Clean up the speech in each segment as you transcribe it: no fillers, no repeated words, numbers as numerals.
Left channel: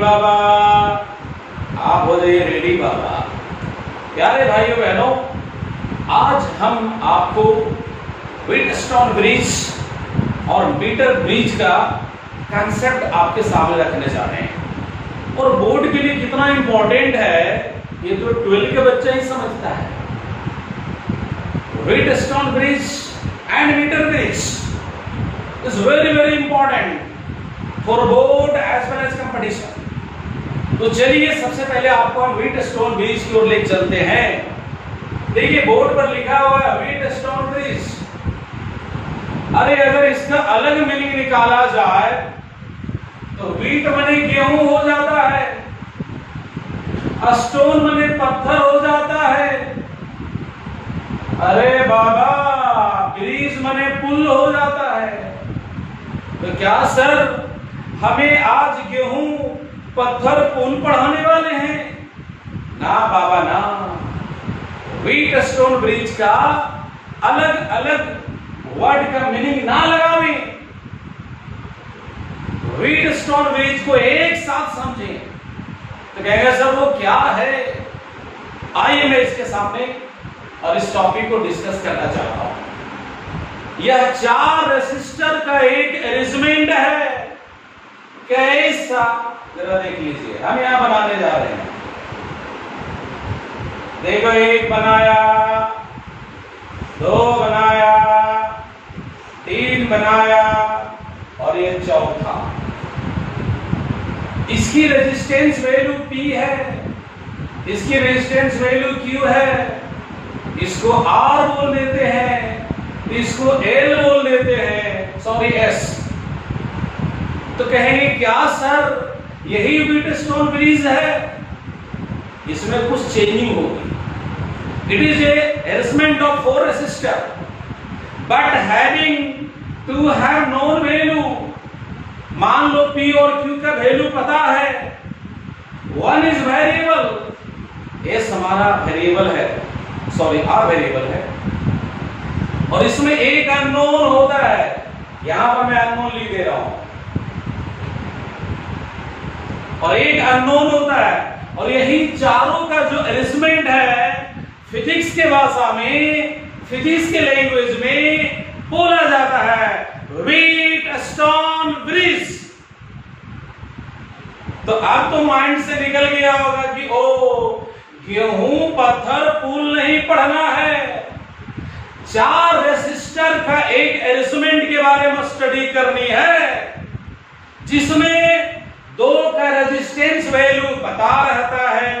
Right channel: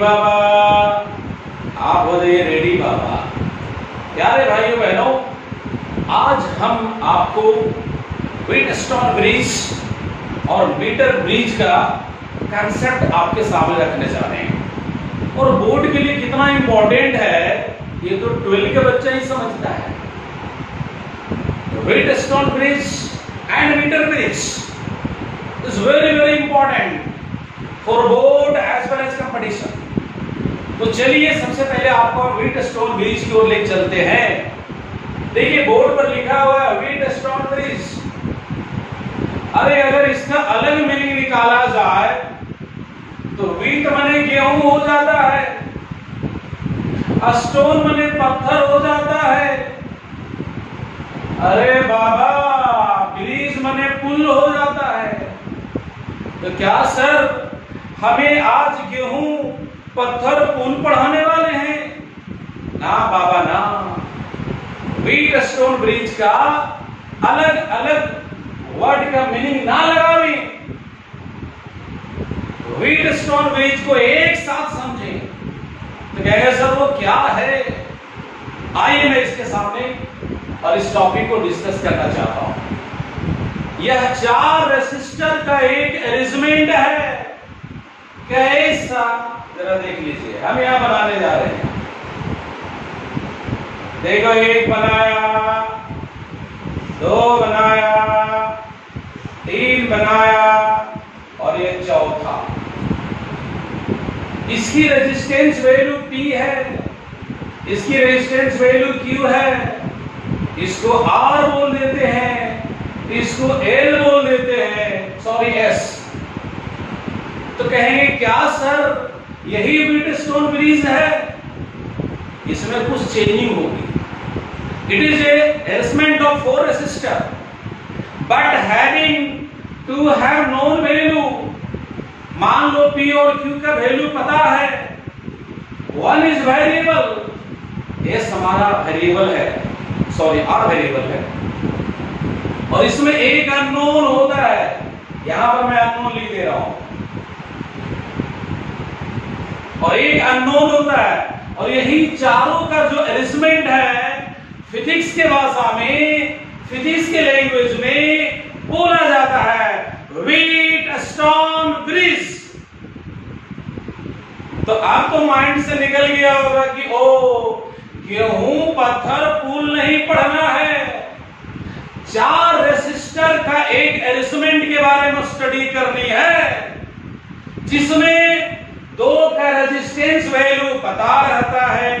बाबा, आप हो जाइए रेडी बाबा। प्यारे भाइयों बहनों, आज हम आपको व्हीटस्टोन ब्रिज और मीटर ब्रिज का कंसेप्ट आपके सामने रखने जा रहे हैं। और बोर्ड के लिए कितना इंपॉर्टेंट है ये तो 12 के बच्चा ही समझता है। Wheatstone bridge and meter bridge is very very important for board as well as competition. तो चलिए सबसे पहले आपको हम व्हीटस्टोन ब्रिज की ओर ले चलते हैं। देखिए बोर्ड पर लिखा हुआ है व्हीटस्टोन ब्रिज। अरे अगर इसका अलग मीनिंग निकाला जाए तो व्हीट मने गेहूं हो जाता है, स्टोन मने पत्थर हो जाता है, अरे बाबा ब्रिज मने पुल हो जाता है। तो क्या सर हमें आज गेहूं पत्थर पुल पढ़ाने वाले हैं? ना बाबा ना। व्हीटस्टोन ब्रिज का अलग अलग वर्ड का मीनिंग ना लगावे, व्हीटस्टोन ब्रिज को एक साथ समझें। तो कहेंगे सर वो क्या है? आइए मैं इसके सामने और इस टॉपिक को डिस्कस करना चाहता हूं। यह 4 रेसिस्टर का एक अरेंजमेंट है। कैसा जरा देख लीजिए, हम यहां बनाने जा रहे हैं। देखो, 1 बनाया, 2 बनाया, 3 बनाया और ये चौथा। इसकी रेजिस्टेंस वैल्यू P है, इसकी रेजिस्टेंस वैल्यू Q है। इसको R बोल देते हैं, इसको L बोल देते हैं, सॉरी S। तो कहेंगे क्या सर यही व्हीटस्टोन ब्रिज है? इसमें कुछ चेंजिंग होगी। It is a arrangement of 4 resistor but having to have known value. मान लो P और Q का वैल्यू पता है। 1 इज वेरिएबल, S हमारा वेरिएबल है, सॉरी R वेरिएबल है, और इसमें एक अननोन होता है। यहां पर मैं अननोन लिख दे रहा हूं, और एक अननोन होता है। और यही चारों का जो अरेंजमेंट है फिजिक्स के भाषा में, फिजिक्स के लैंग्वेज में बोला जाता है व्हीटस्टोन ब्रिज। तो अब तो माइंड से निकल गया होगा कि ओ गेहूं पत्थर पुल नहीं पढ़ना है, 4 रेसिस्टर का एक अरेंजमेंट के बारे में स्टडी करनी है, जिसमें 2 का रेजिस्टेंस वैल्यू पता रहता है,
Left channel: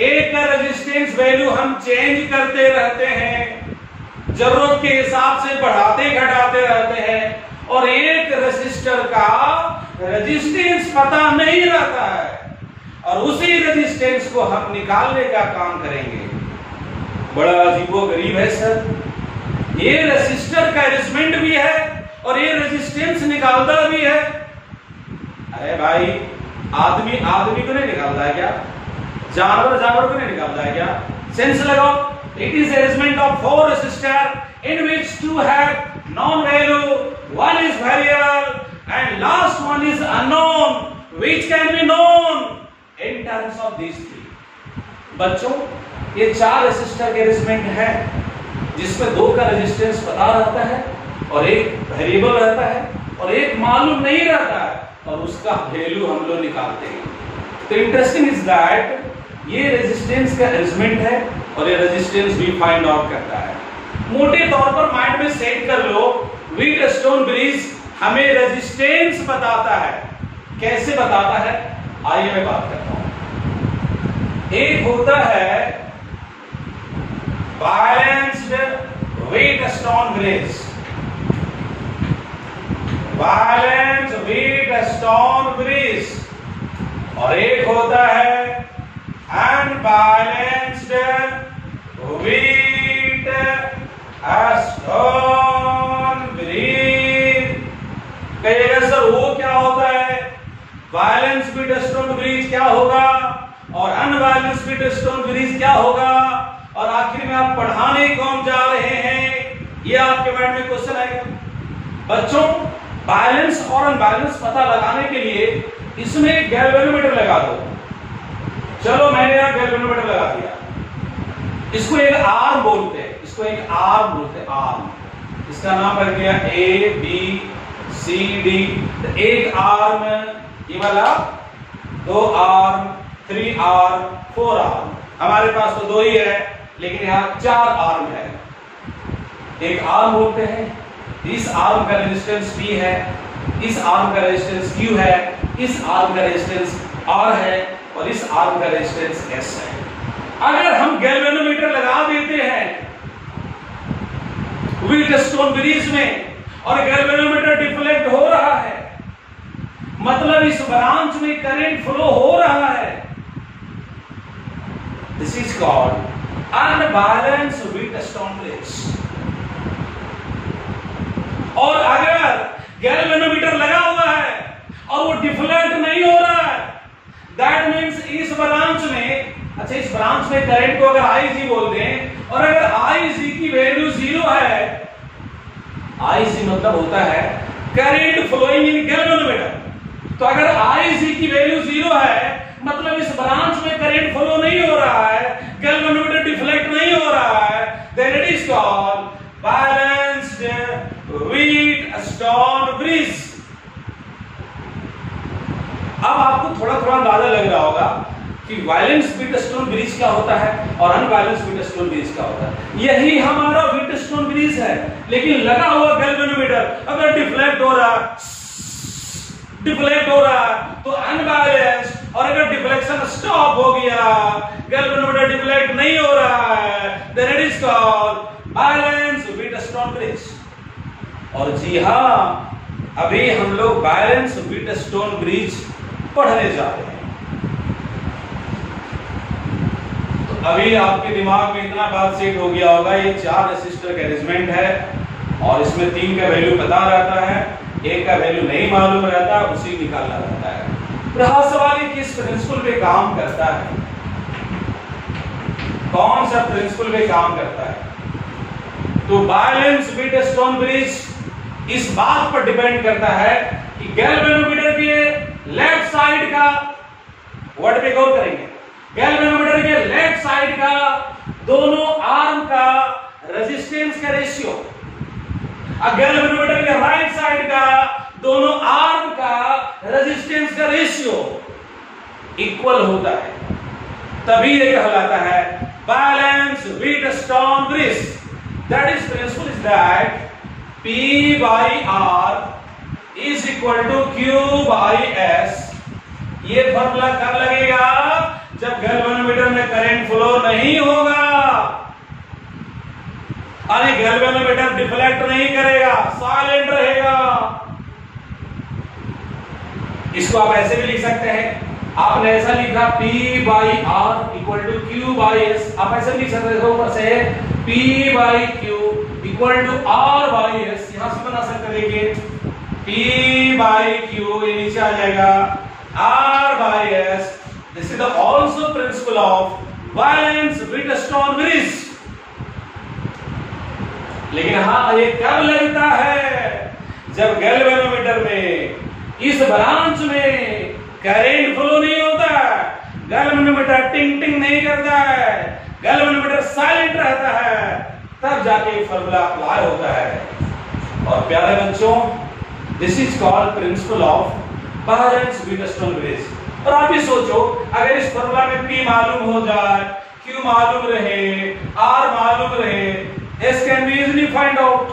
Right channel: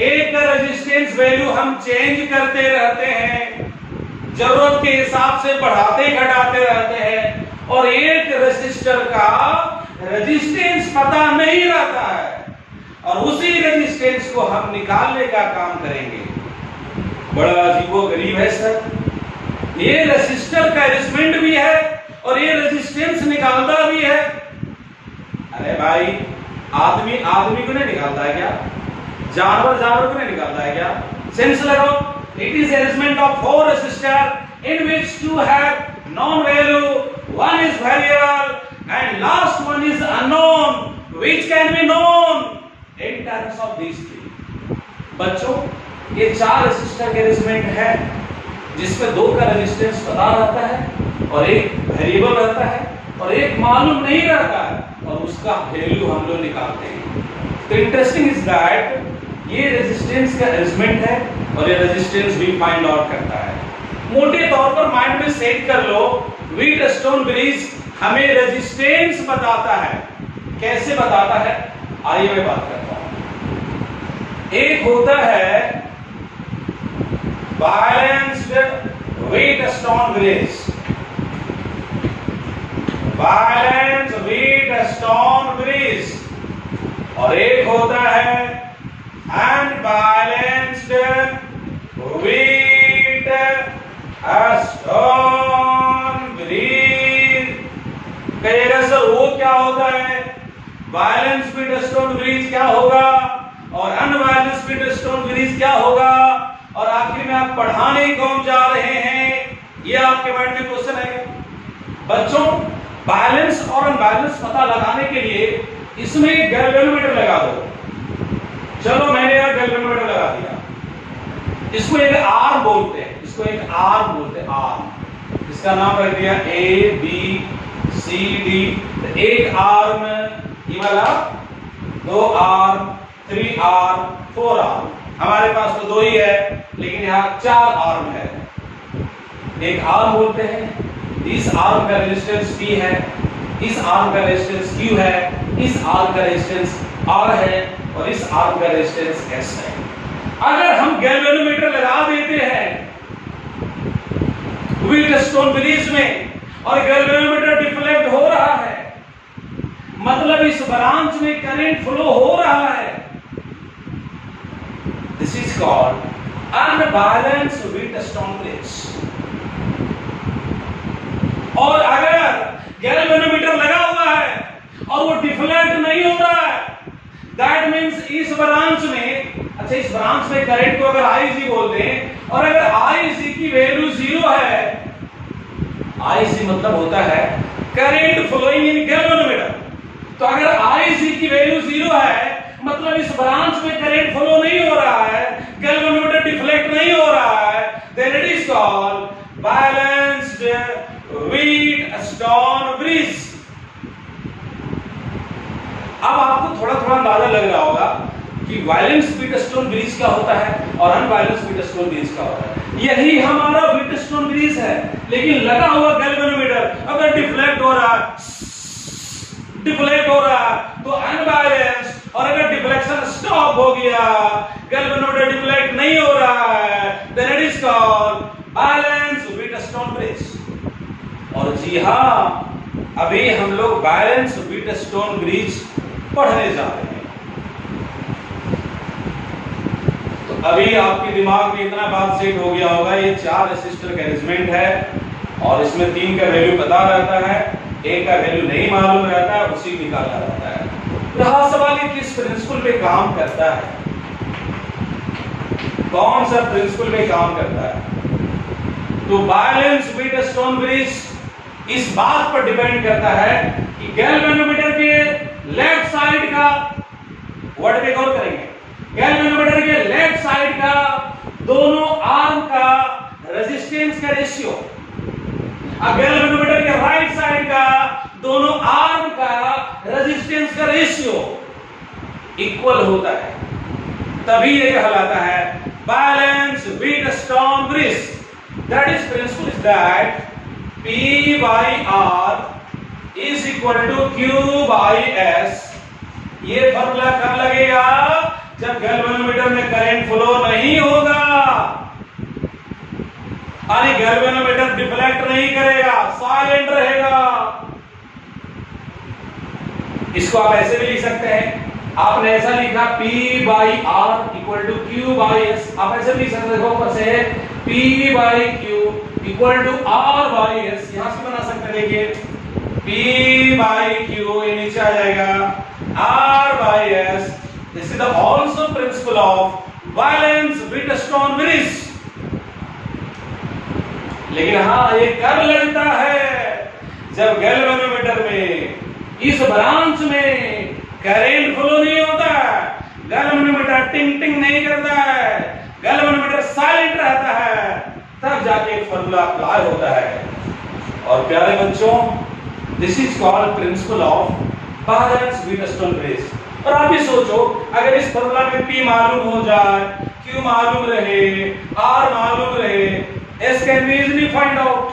1 का रेजिस्टेंस वैल्यू हम चेंज करते रहते हैं, जरूरत के हिसाब से बढ़ाते घटाते रहते हैं, और 1 रेसिस्टर का रेजिस्टेंस पता नहीं रहता है, और उसी रेजिस्टेंस को हम निकालने का काम करेंगे। बड़ा अजीबोगरीब है सर। ये रेसिस्टर का अरेंजमेंट भी है और ये रेजिस्टेंस निकालता भी है। अरे भाई आदमी आदमी को नहीं निकालता है क्या? जानवर जानवर को नहीं निकालता है क्या? सेंस लगाओ। It is arrangement of 4 resistor in which 2 have known value, 1 is variable and last one is unknown, which can be known in terms of these 3. बच्चों ये 4 रेसिस्टर के अरेंजमेंट है जिसमें 2 का रेजिस्टेंस पता रहता है और एक वेरिएबल रहता है और एक मालूम नहीं रहता है, और उसका वैल्यू हम लोग निकालते हैं। तो इंटरेस्टिंग इज दैट ये रेजिस्टेंस का अरेंजमेंट है और ये रेजिस्टेंस भी फाइंड आउट करता है। मोटे तौर पर माइंड में सेट कर लो, व्हीटस्टोन ब्रिज हमें रेजिस्टेंस बताता है। कैसे बताता है आइए मैं बात करता हूं। एक होता है balanced Wheatstone bridge, balanced Wheatstone bridge, और एक होता है अनबैलेंस्ड व्हीटस्टोन ब्रिज। कहिएगा सर वो क्या होता है? बैलेंस व्हीटस्टोन ब्रिज क्या होगा और अनबैलेंस व्हीटस्टोन ब्रिज क्या होगा, और आखिर में आप पढ़ाने कौन जा रहे हैं, ये आपके माइंड में क्वेश्चन आएगा। बच्चों बैलेंस और अनबैलेंस पता लगाने के लिए इसमें एक गैल्वेनोमीटर लगा दो। चलो मैंने यहां गैल्वेनोमीटर लगा दिया, इसको एक आर्म बोलते हैं, इसको एक आर्म बोलते हैं, आर्म। इसका नाम रख दिया ए बी सी डी। तो एक आर्म ये वाला, 2 आर्म, 3 आर्म, 4 आर्म। हमारे पास तो 2 ही है, लेकिन यहां 4 आर्म है। एक आर्म बोलते हैं, इस आर्म का रेजिस्टेंस P है, इस आर्म का रेजिस्टेंस Q है, इस आर्म का रेजिस्टेंस R है और इस आर्म का रेजिस्टेंस S है। अगर हम गैल्वेनोमीटर लगा देते हैं व्हीटस्टोन ब्रिज में और गैल्वेनोमीटर डिफ्लेक्ट हो रहा है, मतलब इस ब्रांच में करंट फ्लो हो रहा है, this is called unbalanced Wheatstone bridge. और अगर गैल्वेनोमीटर लगा हुआ है और वो डिफ्लेक्ट नहीं हो रहा है, दैट मीन्स इस ब्रांच में, अच्छा इस ब्रांच में करंट को अगर IG बोल दें और अगर IG की वैल्यू 0 है, IG मतलब होता है करंट फ्लोइंग इन गैल्वेनोमीटर, तो अगर IG की वैल्यू 0 है मतलब इस ब्रांच में करंट फ्लो नहीं हो रहा है, गैल्वेनोमीटर डिफ्लेक्ट नहीं हो रहा है, then it is called balanced Wheatstone bridge. अब आपको थोड़ा थोड़ा अंदाजा लग रहा होगा कि बैलेंस्ड व्हीटस्टोन ब्रिज क्या होता है और अनबैलेंस्ड व्हीटस्टोन ब्रिज क्या होता है। यही हमारा व्हीटस्टोन ब्रिज है, लेकिन लगा हुआ गैल्वेनोमीटर अगर डिफ्लेक्ट हो रहा तो अनबैलेंस्ड, और अगर डिफ्लेक्शन स्टॉप हो गया, गैल्वेनोमीटर डिफ्लेक्ट नहीं हो रहा है, then it is called balanced Wheatstone bridge. और जी हां, अभी हम लोग बैलेंस्ड व्हीटस्टोन ब्रिज पढ़ने जा रहे हैं। तो अभी आपके दिमाग में इतना बात सेट हो गया होगा, ये 4 रेसिस्टर का अरेंजमेंट है और इसमें 3 का वैल्यू पता रहता है, 1 का वैल्यू नहीं मालूम रहता, उसी निकालना रहता है। रहा सवाल ये किस प्रिंसिपल पे काम करता है, कौन सा प्रिंसिपल पे काम करता है। तो बैलेंस्ड व्हीटस्टोन ब्रिज इस बात पर डिपेंड करता है कि गैल्वेनोमीटर के लेफ्ट साइड का, वर्ड पे गौर करेंगे, गैल्वेनोमीटर के लेफ्ट साइड का दोनों आर्म का रेजिस्टेंस का रेशियो, गैल्वेनोमीटर के राइट साइड का दोनों आर्म का रेजिस्टेंस का रेशियो इक्वल होता है, तभी यह कहलाता है balanced Wheatstone bridge. That is principle is that P by R is equal to Q by S। ये फॉर्मूला कब लगेगा? जब गैल्वेनोमीटर में करंट फ्लो नहीं होगा, अरे गैल्वेनोमीटर डिफ्लेक्ट नहीं करेगा, साइलेंट रहेगा। इसको आप ऐसे भी लिख सकते हैं, आपने ऐसा लिखा P by R equal to Q by S, आप ऐसे भी लिख सकते हैं, देखो ऊपर से P by Q equal to R by S, यहां से बना सकते हैं, देखिए P by Q, ये नीचे आ जाएगा R by S। This is the also principle of balanced Wheatstone bridge. लेकिन हाँ, ये कब लगता है? जब गैल्वेनोमीटर में इस ब्रांच में करंट फ्लो नहीं होता है, गैल्वेनोमीटर टिंग टिंग नहीं करता है, गैल्वेनोमीटर साइलेंट रहता है, तब जाके फॉर्मूला अप्लाई होता है। और प्यारे बच्चों, this is called principle of balanced Wheatstone bridge. और आप ही सोचो, अगर इस फॉर्मूला में P मालूम हो जाए, Q मालूम रहे, R मालूम रहे, S can be easily find out.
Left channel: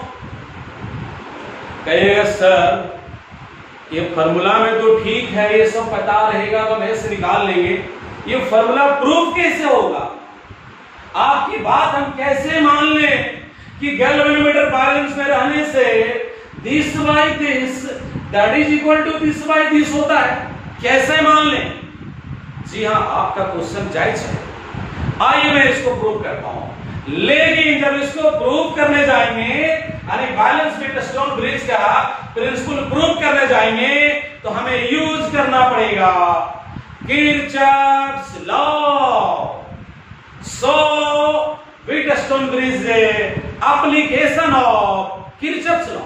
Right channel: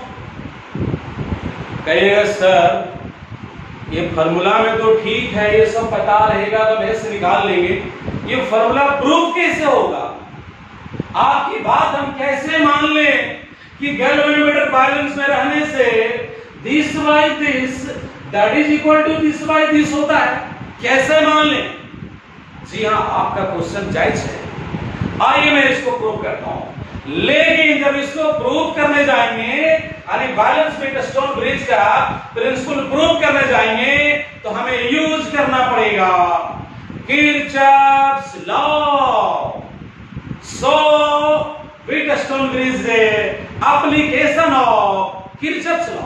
कहिएगा सर ये फॉर्मूला में तो ठीक है, ये सब पता रहेगा तो हम S निकाल लेंगे, ये फॉर्मूला प्रूफ कैसे होगा? आपकी बात हम कैसे मान लें कि गैल्वेनोमीटर बैलेंस में रहने से this by this that is equal to this by this होता है? कैसे मान लें? जी हाँ, आपका क्वेश्चन जायज है, आइए मैं इसको प्रूव करता हूं। लेकिन जब इसको प्रूव करने जाएंगे, यानी बैलेंस व्हीटस्टोन ब्रिज का प्रिंसिपल प्रूव करने जाएंगे, तो हमें यूज करना पड़ेगा Kirchhoff's law. So Wheatstone bridge application of Kirchhoff's law.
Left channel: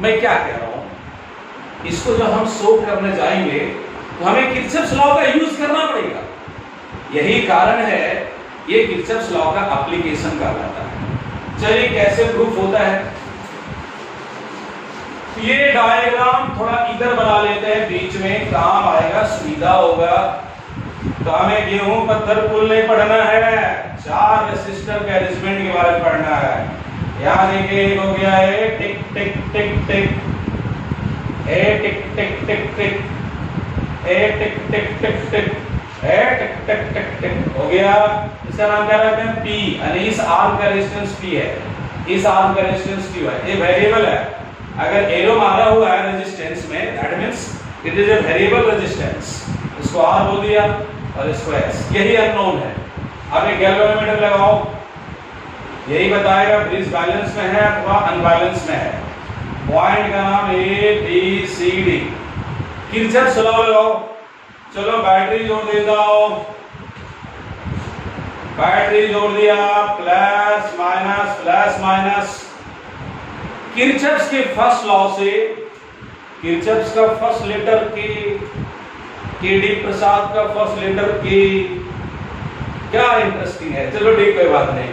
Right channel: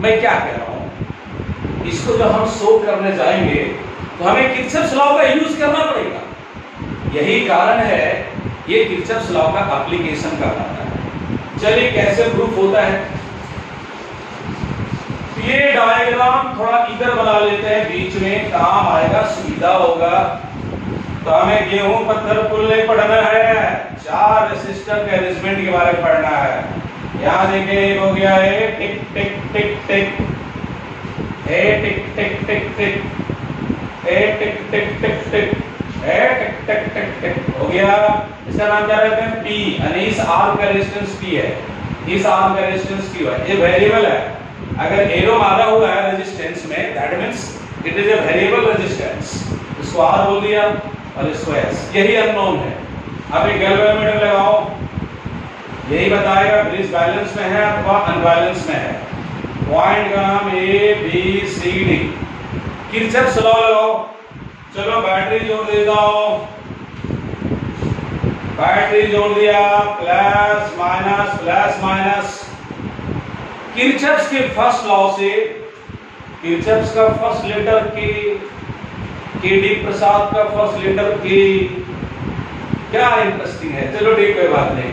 मैं क्या कह रहा हूं? इसको जब हम सोल्व करने जाएंगे तो हमें किरचॉफ्स लॉ का यूज करना पड़ेगा। यही कारण है ये किरचॉफ्स लॉ का एप्लीकेशन कहलाता है। चलिए कैसे प्रूफ होता है, ये डायग्राम थोड़ा इधर बना लेते हैं, बीच में काम आएगा, सुविधा होगा। तो हमें गेहूं पत्थर पुल नहीं पढ़ना है, 4 रेसिस्टर के अरेंजमेंट के बारे में पढ़ना है। यहाँ देखिए एक हो गया है टिक टिक टिक टिक, ए टिक टिक टिक टिक, ए टिक टिक टिक टिक, ए टिक टिक टिक टिक हो गया। इसका नाम क्या रखते हैं P, यानी इस आर्म का रेजिस्टेंस P है, इस आर्म का रेजिस्टेंस Q है। ये वेरिएबल है, अगर एरो मारा हुआ है रेजिस्टेंस में that means it is a variable resistance. इसको R बोल दिया और इसको S, यही अननोन है। अब एक गैल्वेनोमीटर लगाओ, यही बताएगा ब्रिज बैलेंस में है अथवा अनबैलेंस में है। पॉइंट का नाम A B C D। Kirchhoff's law लगाओ, चलो बैटरी जोड़ देता हूं, बैटरी जोड़ दिया, प्लस माइनस। किरचॉफ्स के फर्स्ट लॉ से, किरचॉफ्स का फर्स्ट लेटर के डी प्रसाद का फर्स्ट लेटर के, क्या इंटरेस्टिंग है। चलो ठीक, कोई बात नहीं।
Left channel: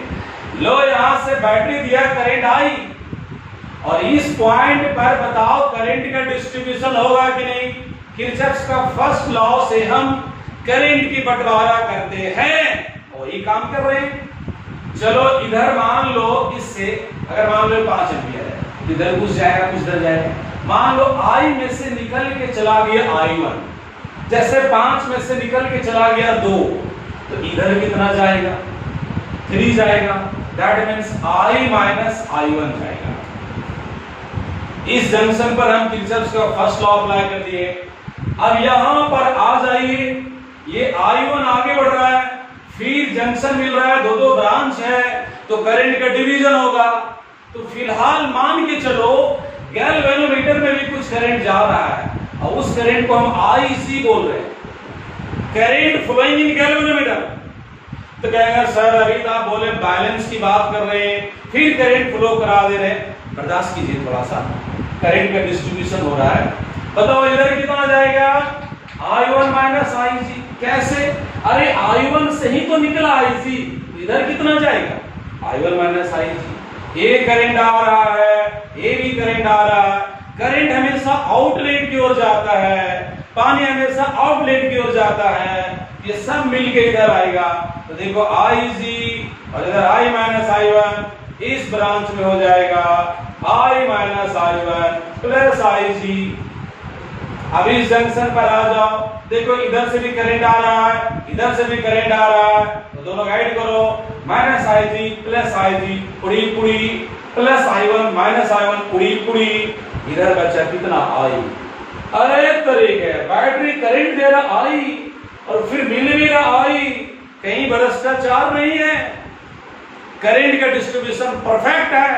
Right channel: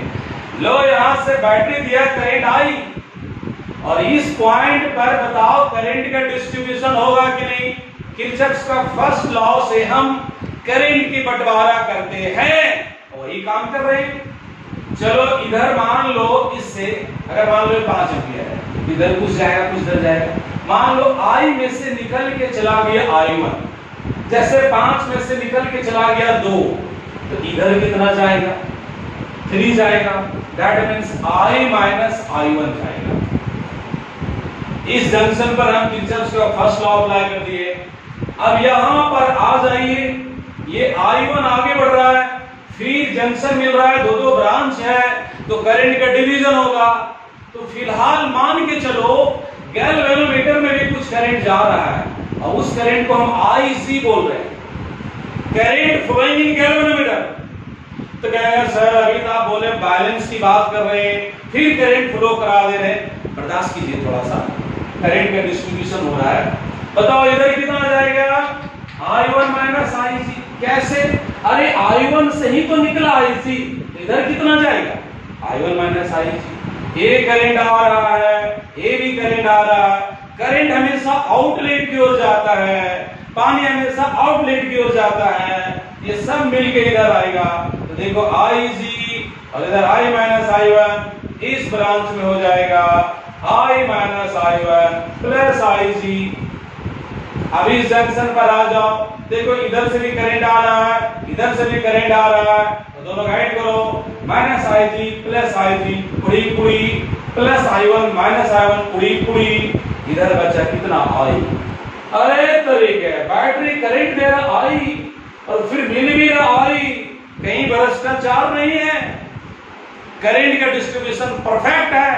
लो यहां से बैटरी दिया, करंट आई, और इस पॉइंट पर बताओ करंट का डिस्ट्रीब्यूशन होगा कि नहीं। किरचॉफ्स का फर्स्ट लॉ से हम करंट की बंटवारा करते हैं, वही काम कर रहे हैं। चलो इधर मान लो, इससे अगर मान लो 5 एम्पीयर है, इधर कुछ जाएगा कुछ इधर जाएगा। मान लो I में से निकल के चला गया I1, जैसे 5 में से निकल के चला गया 2, तो इधर कितना जाएगा 3 जाएगा, that means I minus I1 जाएगा। इस जंक्शन पर हम किरचॉफ्स का फर्स्ट लॉ अप्लाई कर दिए। अब यहां पर आ जाइए, ये I1 आगे बढ़ रहा है, फिर जंक्शन मिल रहा है, 2 ब्रांच है, तो करंट का डिवीजन होगा। तो फिलहाल मान के चलो गैल्वेनोमीटर में भी कुछ करंट जा रहा है, और उस करंट को हम IC बोल रहे हैं, करंट फ्लोइंग इन गैल्वेनोमीटर। तो कहेंगे सर अभी तो आप बोले बैलेंस की बात कर रहे हैं, फिर करंट फ्लो करा दे रहे हैं। बर्दाश्त कीजिए थोड़ा सा, करंट का डिस्ट्रीब्यूशन हो रहा है। बताओ इधर कितना जाएगा, I1 माइनस IC। कैसे, अरे I1 से ही तो निकला IC, इधर कितना जाएगा I1 माइनस IC। ये करंट आ रहा है, ये भी करंट आ रहा है। करंट हमेशा आउटलेट की ओर जाता है, पानी हमेशा आउटलेट की ओर जाता है, ये सब मिलके इधर आएगा। तो देखो IC और इधर I माइनस I1 इस ब्रांच में हो जाएगा I minus I1 plus IC। अभी इस जंक्शन पर आ जाओ, देखो इधर से भी करंट आ रहा है, इधर से भी करंट आ रहा है, तो दोनों गाइड करो, माइनस IC प्लस IC, पुड़ी पुड़ी, प्लस I1 माइनस I1 पुड़ी पुड़ी, इधर बचा कितना I। अरे तरीके बैटरी करंट दे रहा I और फिर मिल भी रहा I, कहीं भ्रष्टाचार नहीं है, करंट का डिस्ट्रीब्यूशन परफेक्ट है।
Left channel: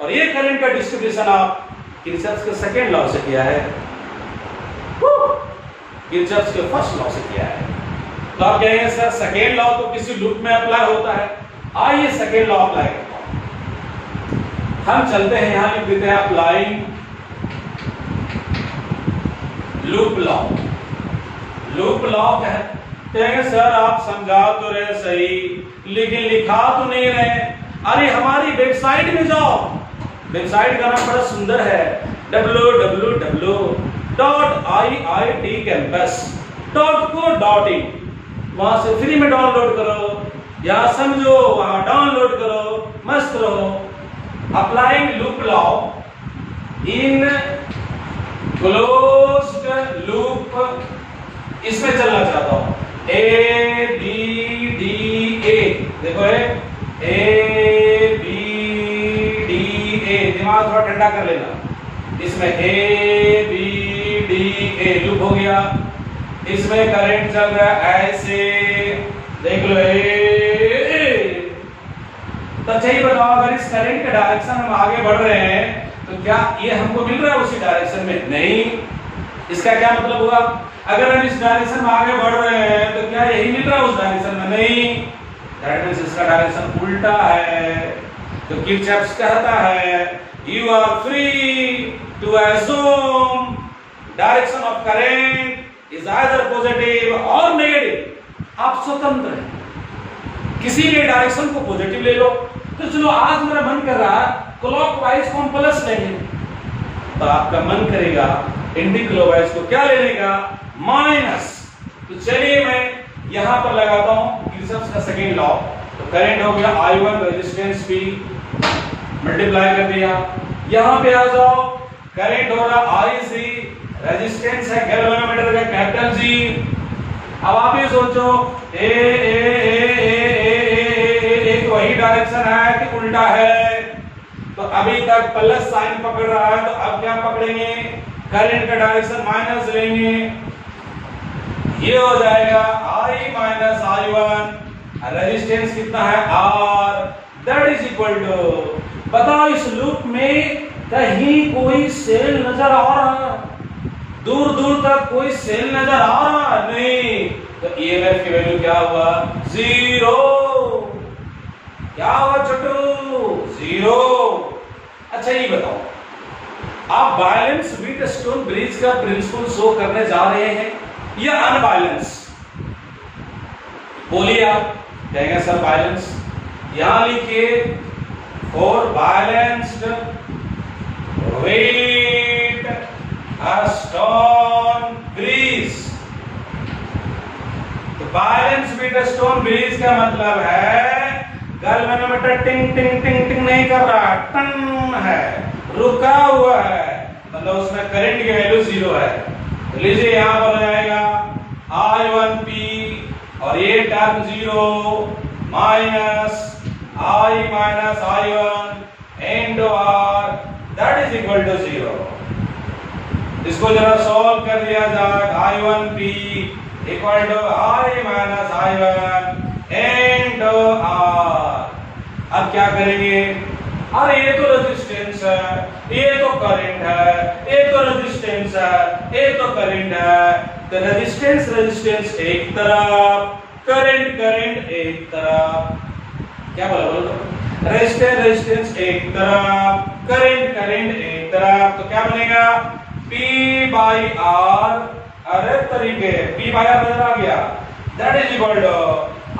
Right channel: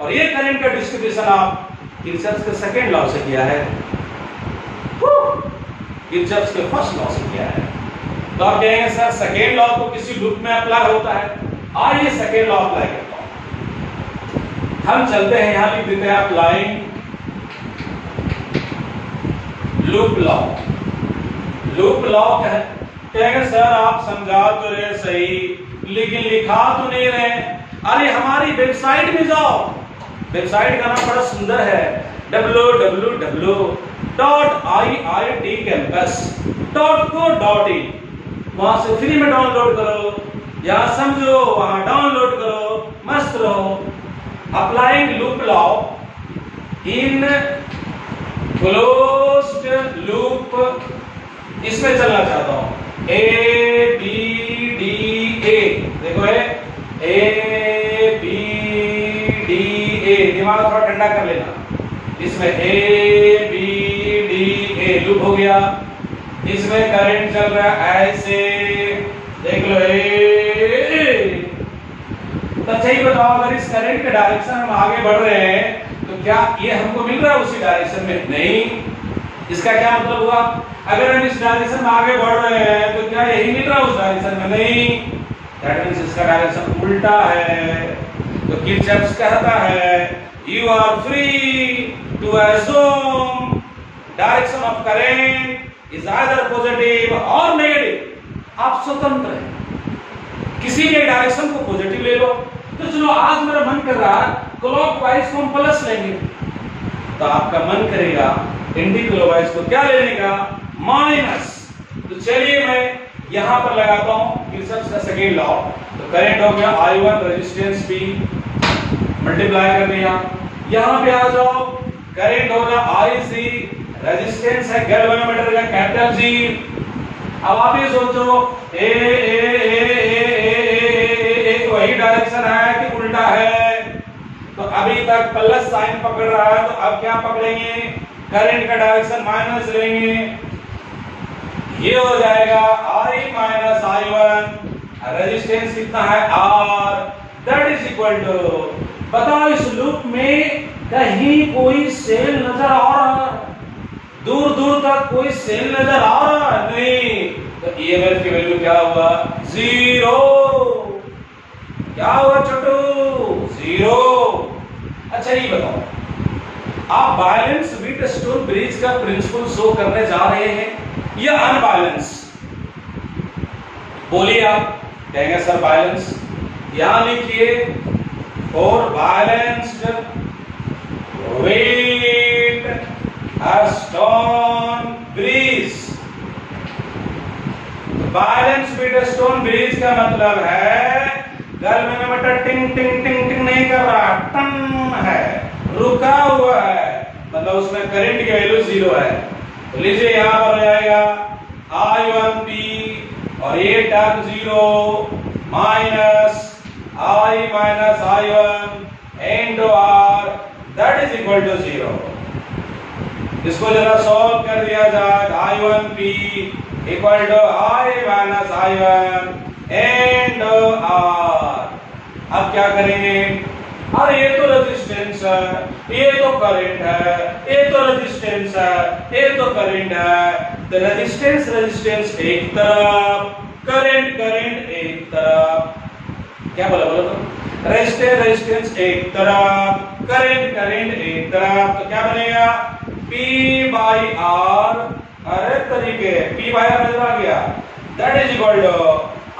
और ये करंट का डिस्ट्रीब्यूशन आप किरचॉफ्स के सेकेंड लॉ से किया है, किरचॉफ्स के फर्स्ट लॉ से किया है। तो आप कहेंगे सर सेकेंड लॉ तो किसी लूप में अप्लाई होता है, आइए सेकेंड लॉ अप्लाई करता हूं। हम चलते हैं, यहां लिख देते हैं applying loop law. Loop law कहेंगे सर आप समझा तो रहे सही, लेकिन लिखा तो नहीं रहे। अरे हमारी वेबसाइट में जाओ, वेबसाइट का नाम बड़ा सुंदर है, www.iitcampus.co.in। वहां से फ्री में डाउनलोड करो, या समझो वहां डाउनलोड करो, मस्त रहो। Applying loop law in closed loop, इसमें चलना चाहता हूं। ABDA, देखो ABDA, दिमाग थोड़ा ठंडा कर लेना। इसमें ABDA लूप हो गया, इसमें करंट चल रहा है ऐसे, देख लो तो चाहिए। बताओ अगर इस करंट के डायरेक्शन हम आगे बढ़ रहे हैं तो क्या ये हमको मिल रहा है उसी डायरेक्शन में? नहीं। इसका क्या मतलब हुआ, अगर हम इस डायरेक्शन में आगे बढ़ रहे हैं तो क्या यही मिल रहा है उस डायरेक्शन में? नहीं, दैट मींस इसका डायरेक्शन उल्टा है। तो किरचॉफ्स कहता है you are free to assume direction of current is either positive और नेगेटिव। आप स्वतंत्र हैं, किसी भी डायरेक्शन को पॉजिटिव ले लो। तो चलो आज मेरा मन कर रहा है क्लॉकवाइज को हम प्लस लेंगे, तो आपका मन करेगा एंटी क्लॉकवाइज को क्या लेने का, माइनस। तो चलिए मैं यहां पर लगाता हूं किरचॉफ का सेकेंड लॉ। तो करंट हो गया I1 रेजिस्टेंस P, मल्टीप्लाई कर दिया। यहां पे आ जाओ, करंट हो रहा IC, रेजिस्टेंस है गैल्वेनोमीटर का कैपिटल G। अब आप ये सोचो एक वही डायरेक्शन है कि उल्टा है। तो अभी तक प्लस साइन पकड़ रहा है, तो अब क्या पकड़ेंगे, करंट का डायरेक्शन माइनस लेंगे। ये हो जाएगा I माइनस I1, रेजिस्टेंस कितना है R, that is equal to, बताओ इस लूप में कहीं कोई सेल नजर आ रहा है, दूर दूर तक कोई सेल नजर आ रहा है नहीं। तो EMF की वैल्यू क्या हुआ, 0। क्या हुआ छोटू, 0। अच्छा ये बताओ, आप बैलेंस व्हीटस्टोन ब्रिज का प्रिंसिपल शो करने जा रहे हैं या अनबैलेंस, बोलिए आप। कहेंगे सर बैलेंस, यहां लिखिए for balanced Wheatstone bridge. Balance Wheatstone bridge का मतलब है गैल्वेनोमीटर टिंग टिंग टिंग टिंग नहीं कर रहा, टन है, रुका हुआ है, मतलब उसमें करंट की वैल्यू 0 है। तो लीजिए यहां पर हो जाएगा I1P और ये term 0 minus I minus I1 into R, that is equal to 0। इसको जरा सॉल्व कर दिया जाए, I1P equal to I minus I1 into R। अब क्या करेंगे, अरे ये तो रेजिस्टेंस है, ये तो करंट है, ये तो रेजिस्टेंस है, ये तो करंट है। तो रेजिस्टेंस रेजिस्टेंस एक तरफ, करंट करंट एक तरफ। क्या बोला, बोलो, रेजिस्टेंस रेजिस्टेंस एक तरफ, करंट करंट एक तरफ। तो क्या बनेगा, P बाई R, अरे तरीके P बाई R नजर आ गया, that is equal to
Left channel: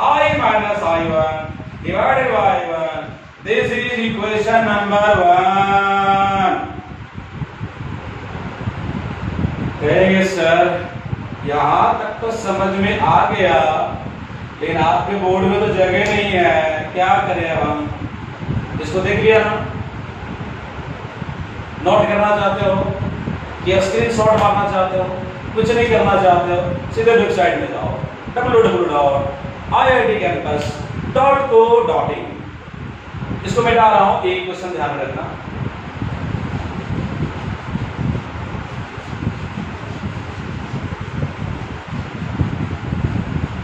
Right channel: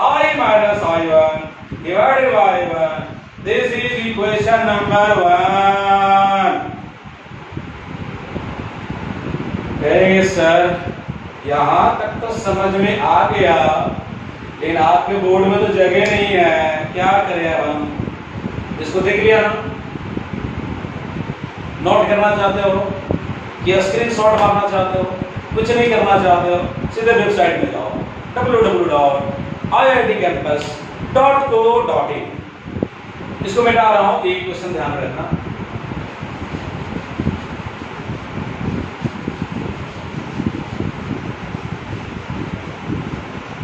I minus I1 divided by 1। This is equation number 1। कहेंगे सर यहां तक तो समझ में आ गया, लेकिन आपके बोर्ड में तो जगह नहीं है, क्या करें अब हम। इसको देख लिया ना, नोट करना चाहते हो कि स्क्रीनशॉट मारना चाहते हो, कुछ नहीं करना चाहते हो, सीधे वेबसाइट में जाओ www.iitcampus.co.in। इसको मैं डाल रहा हूं, एक क्वेश्चन ध्यान रखना।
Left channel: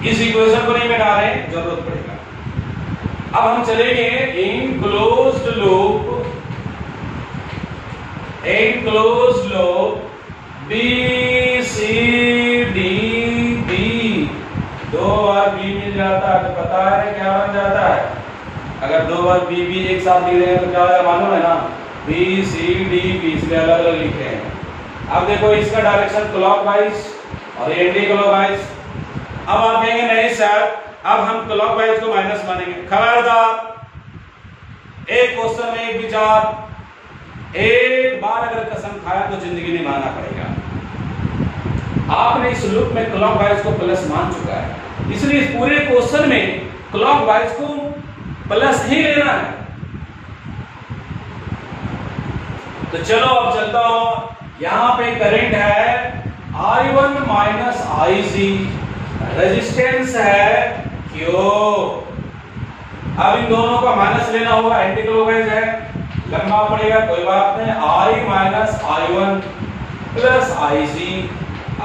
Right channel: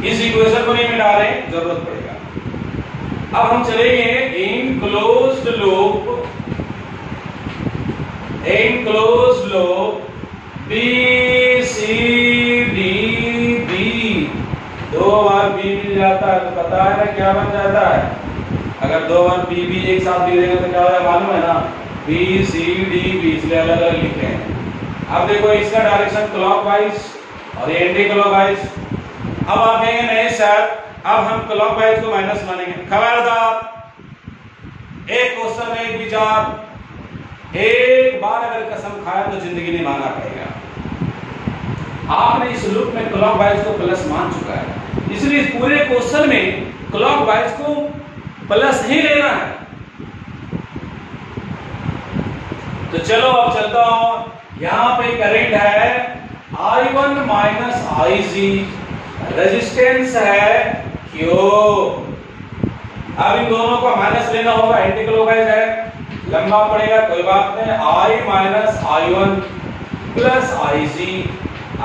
इस इक्वेशन को नहीं में डालें, जरूरत पड़ेगा। अब हम चलेंगे enclosed loop B C D B, 2 बार B मिल जाता है तो पता है क्या बन जाता है। अगर 2 बार B एक साथ लिख देंगे तो क्या होगा मालूम है ना, B C D B, इसलिए अलग अलग लिखे हैं। अब देखो इसका डायरेक्शन क्लॉकवाइज और ये एंटी क्लॉकवाइज। अब आप कहेंगे नहीं सर अब हम क्लॉकवाइज को माइनस मानेंगे। खबरदार, एक क्वेश्चन में एक विचार, एक बार अगर कसम खाया तो जिंदगी नहीं मानना पड़ेगा। आपने इस लूप में क्लॉकवाइज को प्लस मान चुका है, इसलिए इस पूरे क्वेश्चन में क्लॉकवाइज को प्लस ही लेना है। तो चलो अब चलता हूं, यहां पे करंट है I1 माइनस IC, रेजिस्टेंस है Q। अब इन दोनों को माइनस लेना होगा, एंटी क्लॉकवाइज है, लंबा पड़ेगा, कोई बात नहीं। I minus I1 plus IC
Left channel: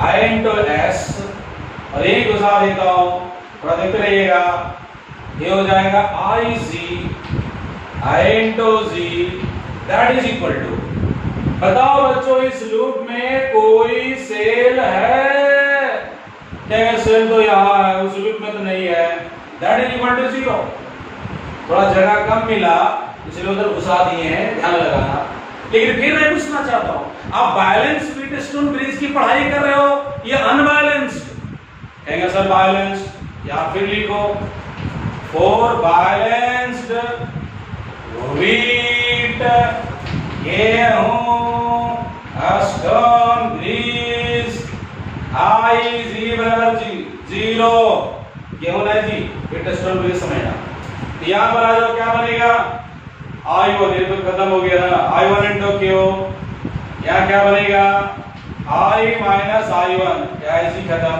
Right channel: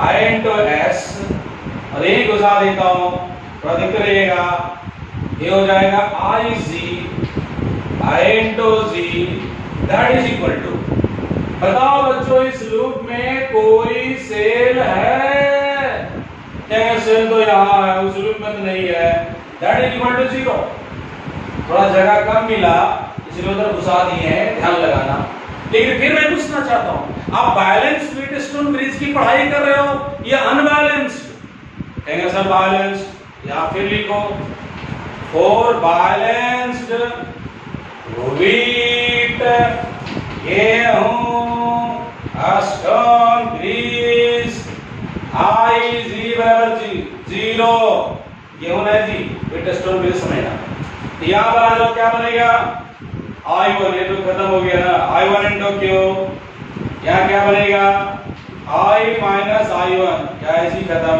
I into S, और यही गुजार देता हूं, थोड़ा देखते रहिएगा। ये हो जाएगा IC I into Z, that is equal to, बताओ बच्चों इस लूप में कोई सेल है, क्या सेल तो यहां है, उस लूप में तो नहीं है, दैट इज इक्वल टू 0। थोड़ा जगह कम मिला इसलिए उधर घुसा दिए हैं, ध्यान लगाना। लेकिन फिर मैं पूछना चाहता हूं, आप बैलेंस व्हीटस्टोन ब्रिज की पढ़ाई कर रहे हो या अनबैलेंस्ड? कहेंगे सर बैलेंस्ड, या फिर लिखो फॉर बैलेंस्ड व्हीट गेहूं स्टोन ब्रिज आई जी बराबर जी 0, गेहूं है जी व्हीटस्टोन ब्रिज समझना। यहां पर आ जाओ, क्या बनेगा? I1, ये तो खत्म हो गया ना, I1 इंटू क्यू, यहाँ क्या बनेगा? I माइनस I1, क्या इसी खत्म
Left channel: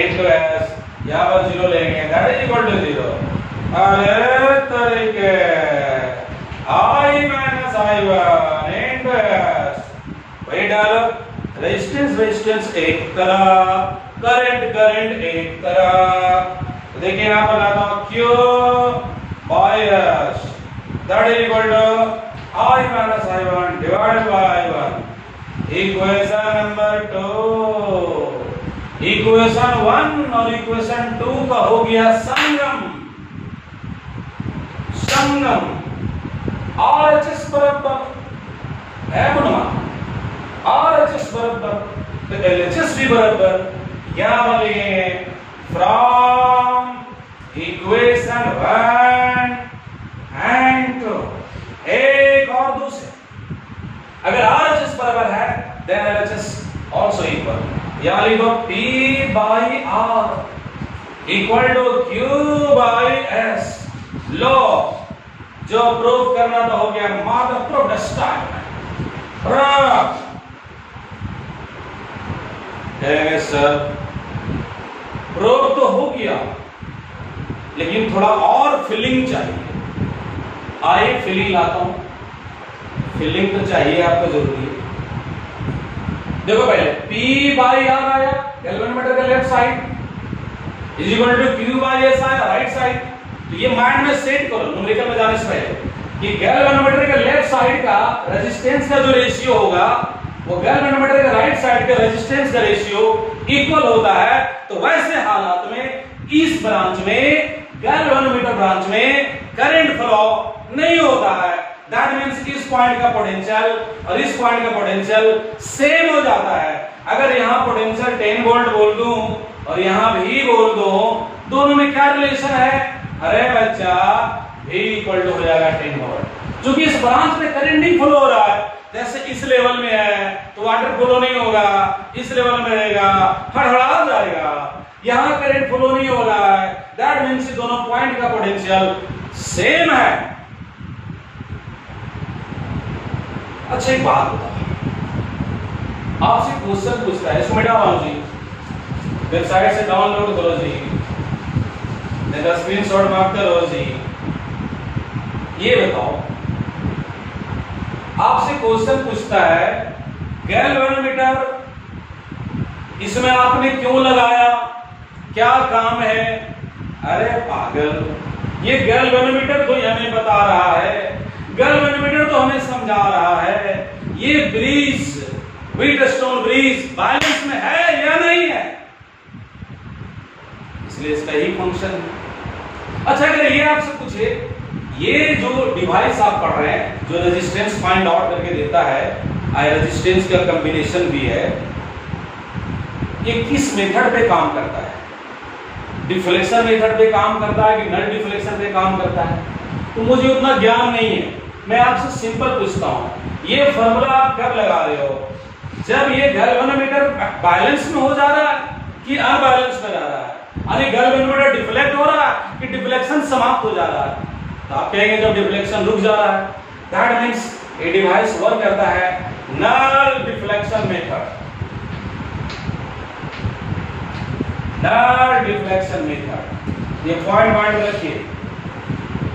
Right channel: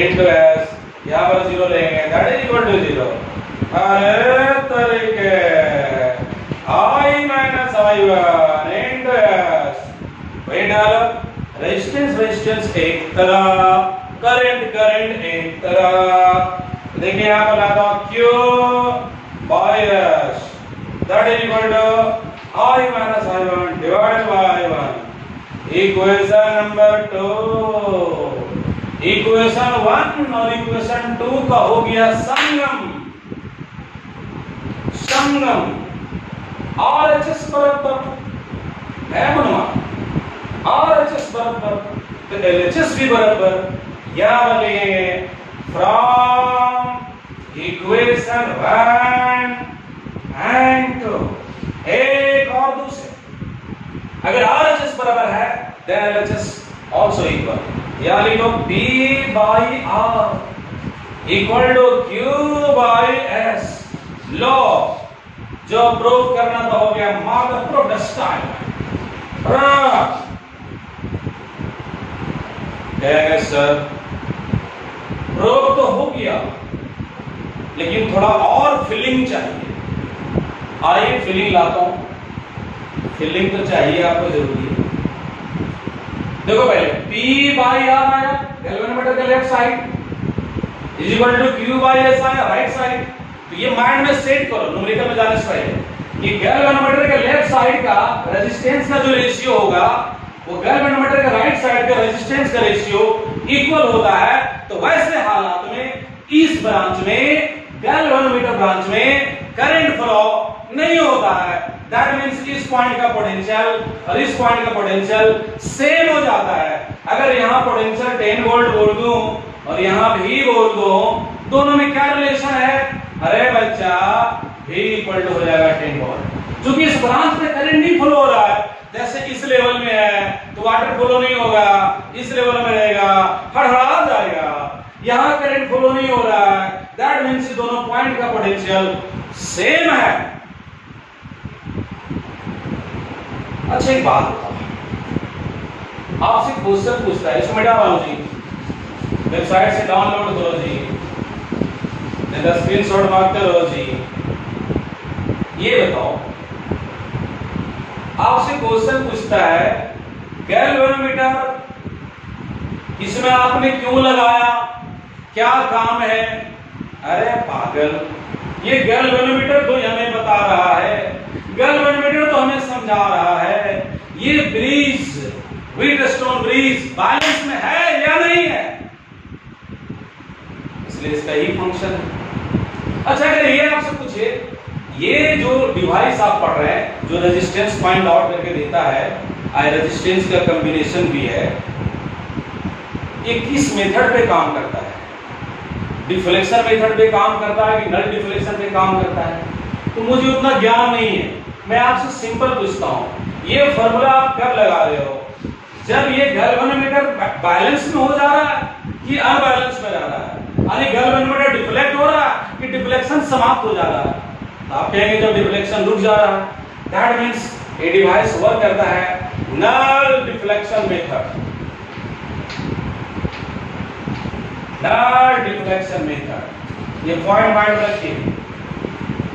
इंटू S, यहाँ पर 0 लेंगे, दैट इज इक्वल टू 0। अरे तरीके I minus I1 into S, वही डालो, रेजिस्टेंस एक तरफ, करंट एक तरफ। देखिए यहाँ पर लाता हूँ Q by S, that is equal to I minus I1 divided by I1. Equation number 2, equation 1 और equation 2 का हो गया संगम। RHS बराबर है बनवा, RHS बराबर तो LHS भी बराबर, क्या बनेंगे? फ्रॉम इक्वेशन 1 एंड 2, एक और दूसरे, अगर RHS बराबर है then LHS also equal, या लिखो P by R equal to Q by S। लो जो प्रूफ करना तो हो गया, मॉडल प्रूफ स्टाइल कहेंगे सर प्रूफ तो हो गया लेकिन थोड़ा और फिलिंग चाहिए। आइए फिलिंग लाता हूं, फिलिंग तो चाहिए आपको जरूरी है। देखो पहले P बाई R आया गैल्वेनोमीटर का left side is equal to Q by S आया राइट साइड। तो ये माइंड में सेट करो न्यूमेरिकल में जाने से पहले कि गैल्वेनोमीटर के लेफ्ट साइड का रेजिस्टेंस का जो रेशियो होगा वो गैल्वेनोमीटर के राइट साइड के रेजिस्टेंस का रेशियो इक्वल होता है। तो वैसे हालात में इस ब्रांच में गैल्वेनोमीटर ब्रांच में करंट फ्लो नहीं होता है। दैट मींस इस पॉइंट का पोटेंशियल और इस पॉइंट का पोटेंशियल सेम हो जाता है। अगर यहां पोटेंशियल 10 वोल्ट बोल दूं और यहां भी बोल दूं, दोनों में क्या रिलेशन है? अरे बच्चा V इक्वल टू हो जाएगा 10 वोल्ट। क्योंकि इस ब्रांच में करंट नहीं फ्लो हो रहा है, जैसे इस लेवल में है तो वाटर फ्लो नहीं होगा, इस लेवल में रहेगा हड़हड़ा जाएगा। यहां करंट फ्लो नहीं हो रहा है, दैट मींस दोनों पॉइंट का पोटेंशियल सेम है। अच्छा एक बात बताओ, आपसे क्वेश्चन पूछता है, इसको मिटा लो जी, वेबसाइट से डाउनलोड करो जी, स्क्रीनशॉट मार करो जी। ये बताओ, आपसे क्वेश्चन पूछता है गैल्वेनोमीटर इसमें आपने क्यों लगाया, क्या काम है? अरे पागल, ये गैल्वेनोमीटर तो हमें बता रहा है, गैल्वेनोमीटर तो हमें समझा रहा है ये ब्रिज व्हीटस्टोन ब्रिज बैलेंस में है या नहीं है, इसलिए इसका ही फंक्शन है। अच्छा अगर ये आपसे पूछे ये जो डिवाइस आप पढ़ रहे हैं जो रेजिस्टेंस फाइंड आउट करके देता है, रेजिस्टेंस का कॉम्बिनेशन भी है, ये किस मेथड पे काम करता है? डिफ्लेक्शन मेथड पे काम करता है कि नल डिफ्लेक्शन पे काम करता है? तो मुझे उतना ज्ञान नहीं है, मैं आपसे सिंपल पूछता हूं, ये फॉर्मूला आप कब लगा रहे हो? जब ये गैल्वेनोमीटर बैलेंस में हो जा रहा है कि अनबैलेंस में जा रहा है, यानी गैल्वेनोमीटर डिफ्लेक्ट हो रहा है कि डिफ्लेक्शन समाप्त हो जा रहा है। तो आप कहेंगे जब डिफ्लेक्शन रुक जा रहा है, दैट मींस ये डिवाइस वर्क करता है null deflection method. Null deflection method, ये पॉइंट माइंड रखिए,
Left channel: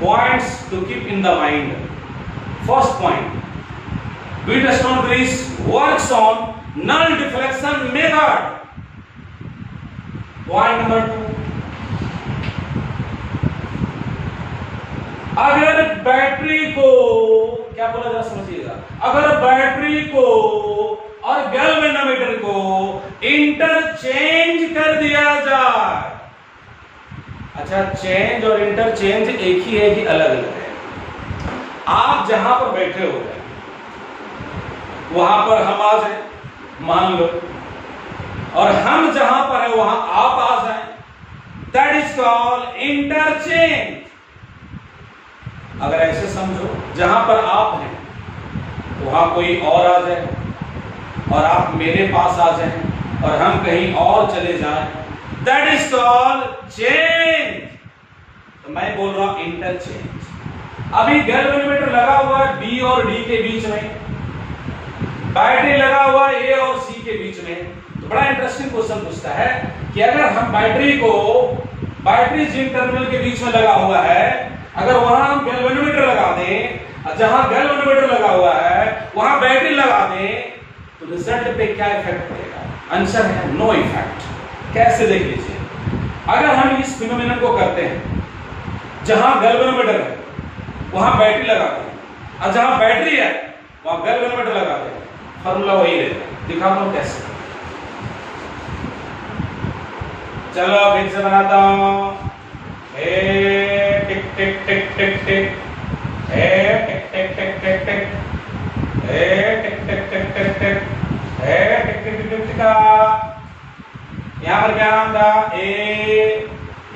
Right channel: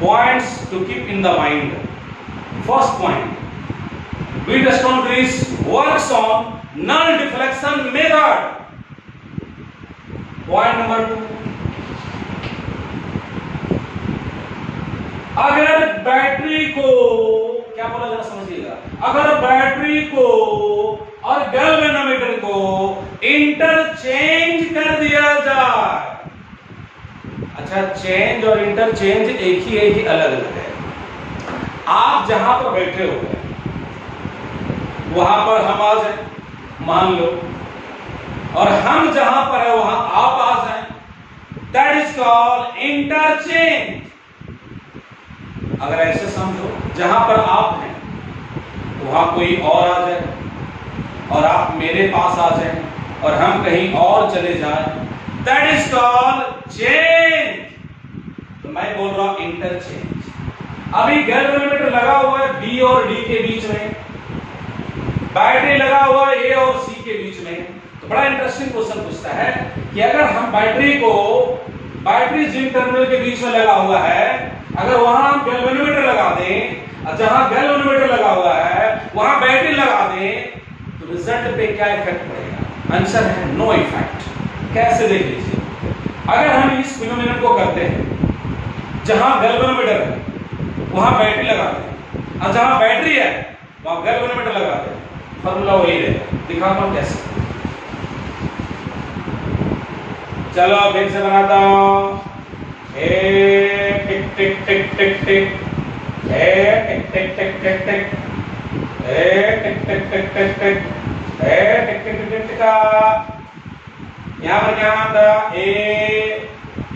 points to keep in the mind. First point, Wheatstone bridge works on null deflection method. Point number 2, अगर बैटरी को, क्या बोला जा समझिएगा, अगर बैटरी को और गैल्वेनोमीटर को इंटरचेंज कर दिया जाए, अच्छा चेंज और इंटरचेंज एक ही है कि अलग अलग है? आप जहां पर बैठे हो वहां पर हम आ जाए मान लो, और हम जहां पर है वहां आप आ जाए, दैट इज कॉल्ड इंटरचेंज। अगर ऐसे समझो, जहां पर आप हैं वहां कोई और आ जाए और आप मेरे पास आ जाए और हम कहीं और चले जाएं, दैट इज कॉल्ड चेंज। तो मैं बोल रहा हूं इंटरचेंज। अभी गैल्वेनोमीटर लगा हुआ है बी और डी के बीच में, बैटरी लगा हुआ है ए और सी के बीच में। तो बड़ा इंटरेस्टिंग क्वेश्चन पूछता है कि अगर हम बैटरी जिन टर्मिनल के बीच में लगा हुआ है, अगर वहां हम गैल्वेनोमीटर लगा दें, जहां गैल्वेनोमीटर लगा हुआ है वहां बैटरी लगा दें, तो रिजल्ट पे क्या इफेक्ट पड़ेगा? आंसर है नो इफेक्ट। कैसे? देख लीजिए, अगर हम इस फिनोमेनन को करते हैं, जहां गैल्वेनोमीटर है वहां बैटरी लगाते हैं और जहां बैटरी है वहां गैल्वेनोमीटर लगाते हैं, फॉर्मूला वही रहेगा। दिखाता हूं कैसे। चलो फिर से बनाता हूं। टिक टिक टिक टिक टिक, टिक टिक टिक टिक टिक, टिक टिक टिक टिक टिक, टिक टिक टिक टिक। यहाँ पर क्या नाम था? ए,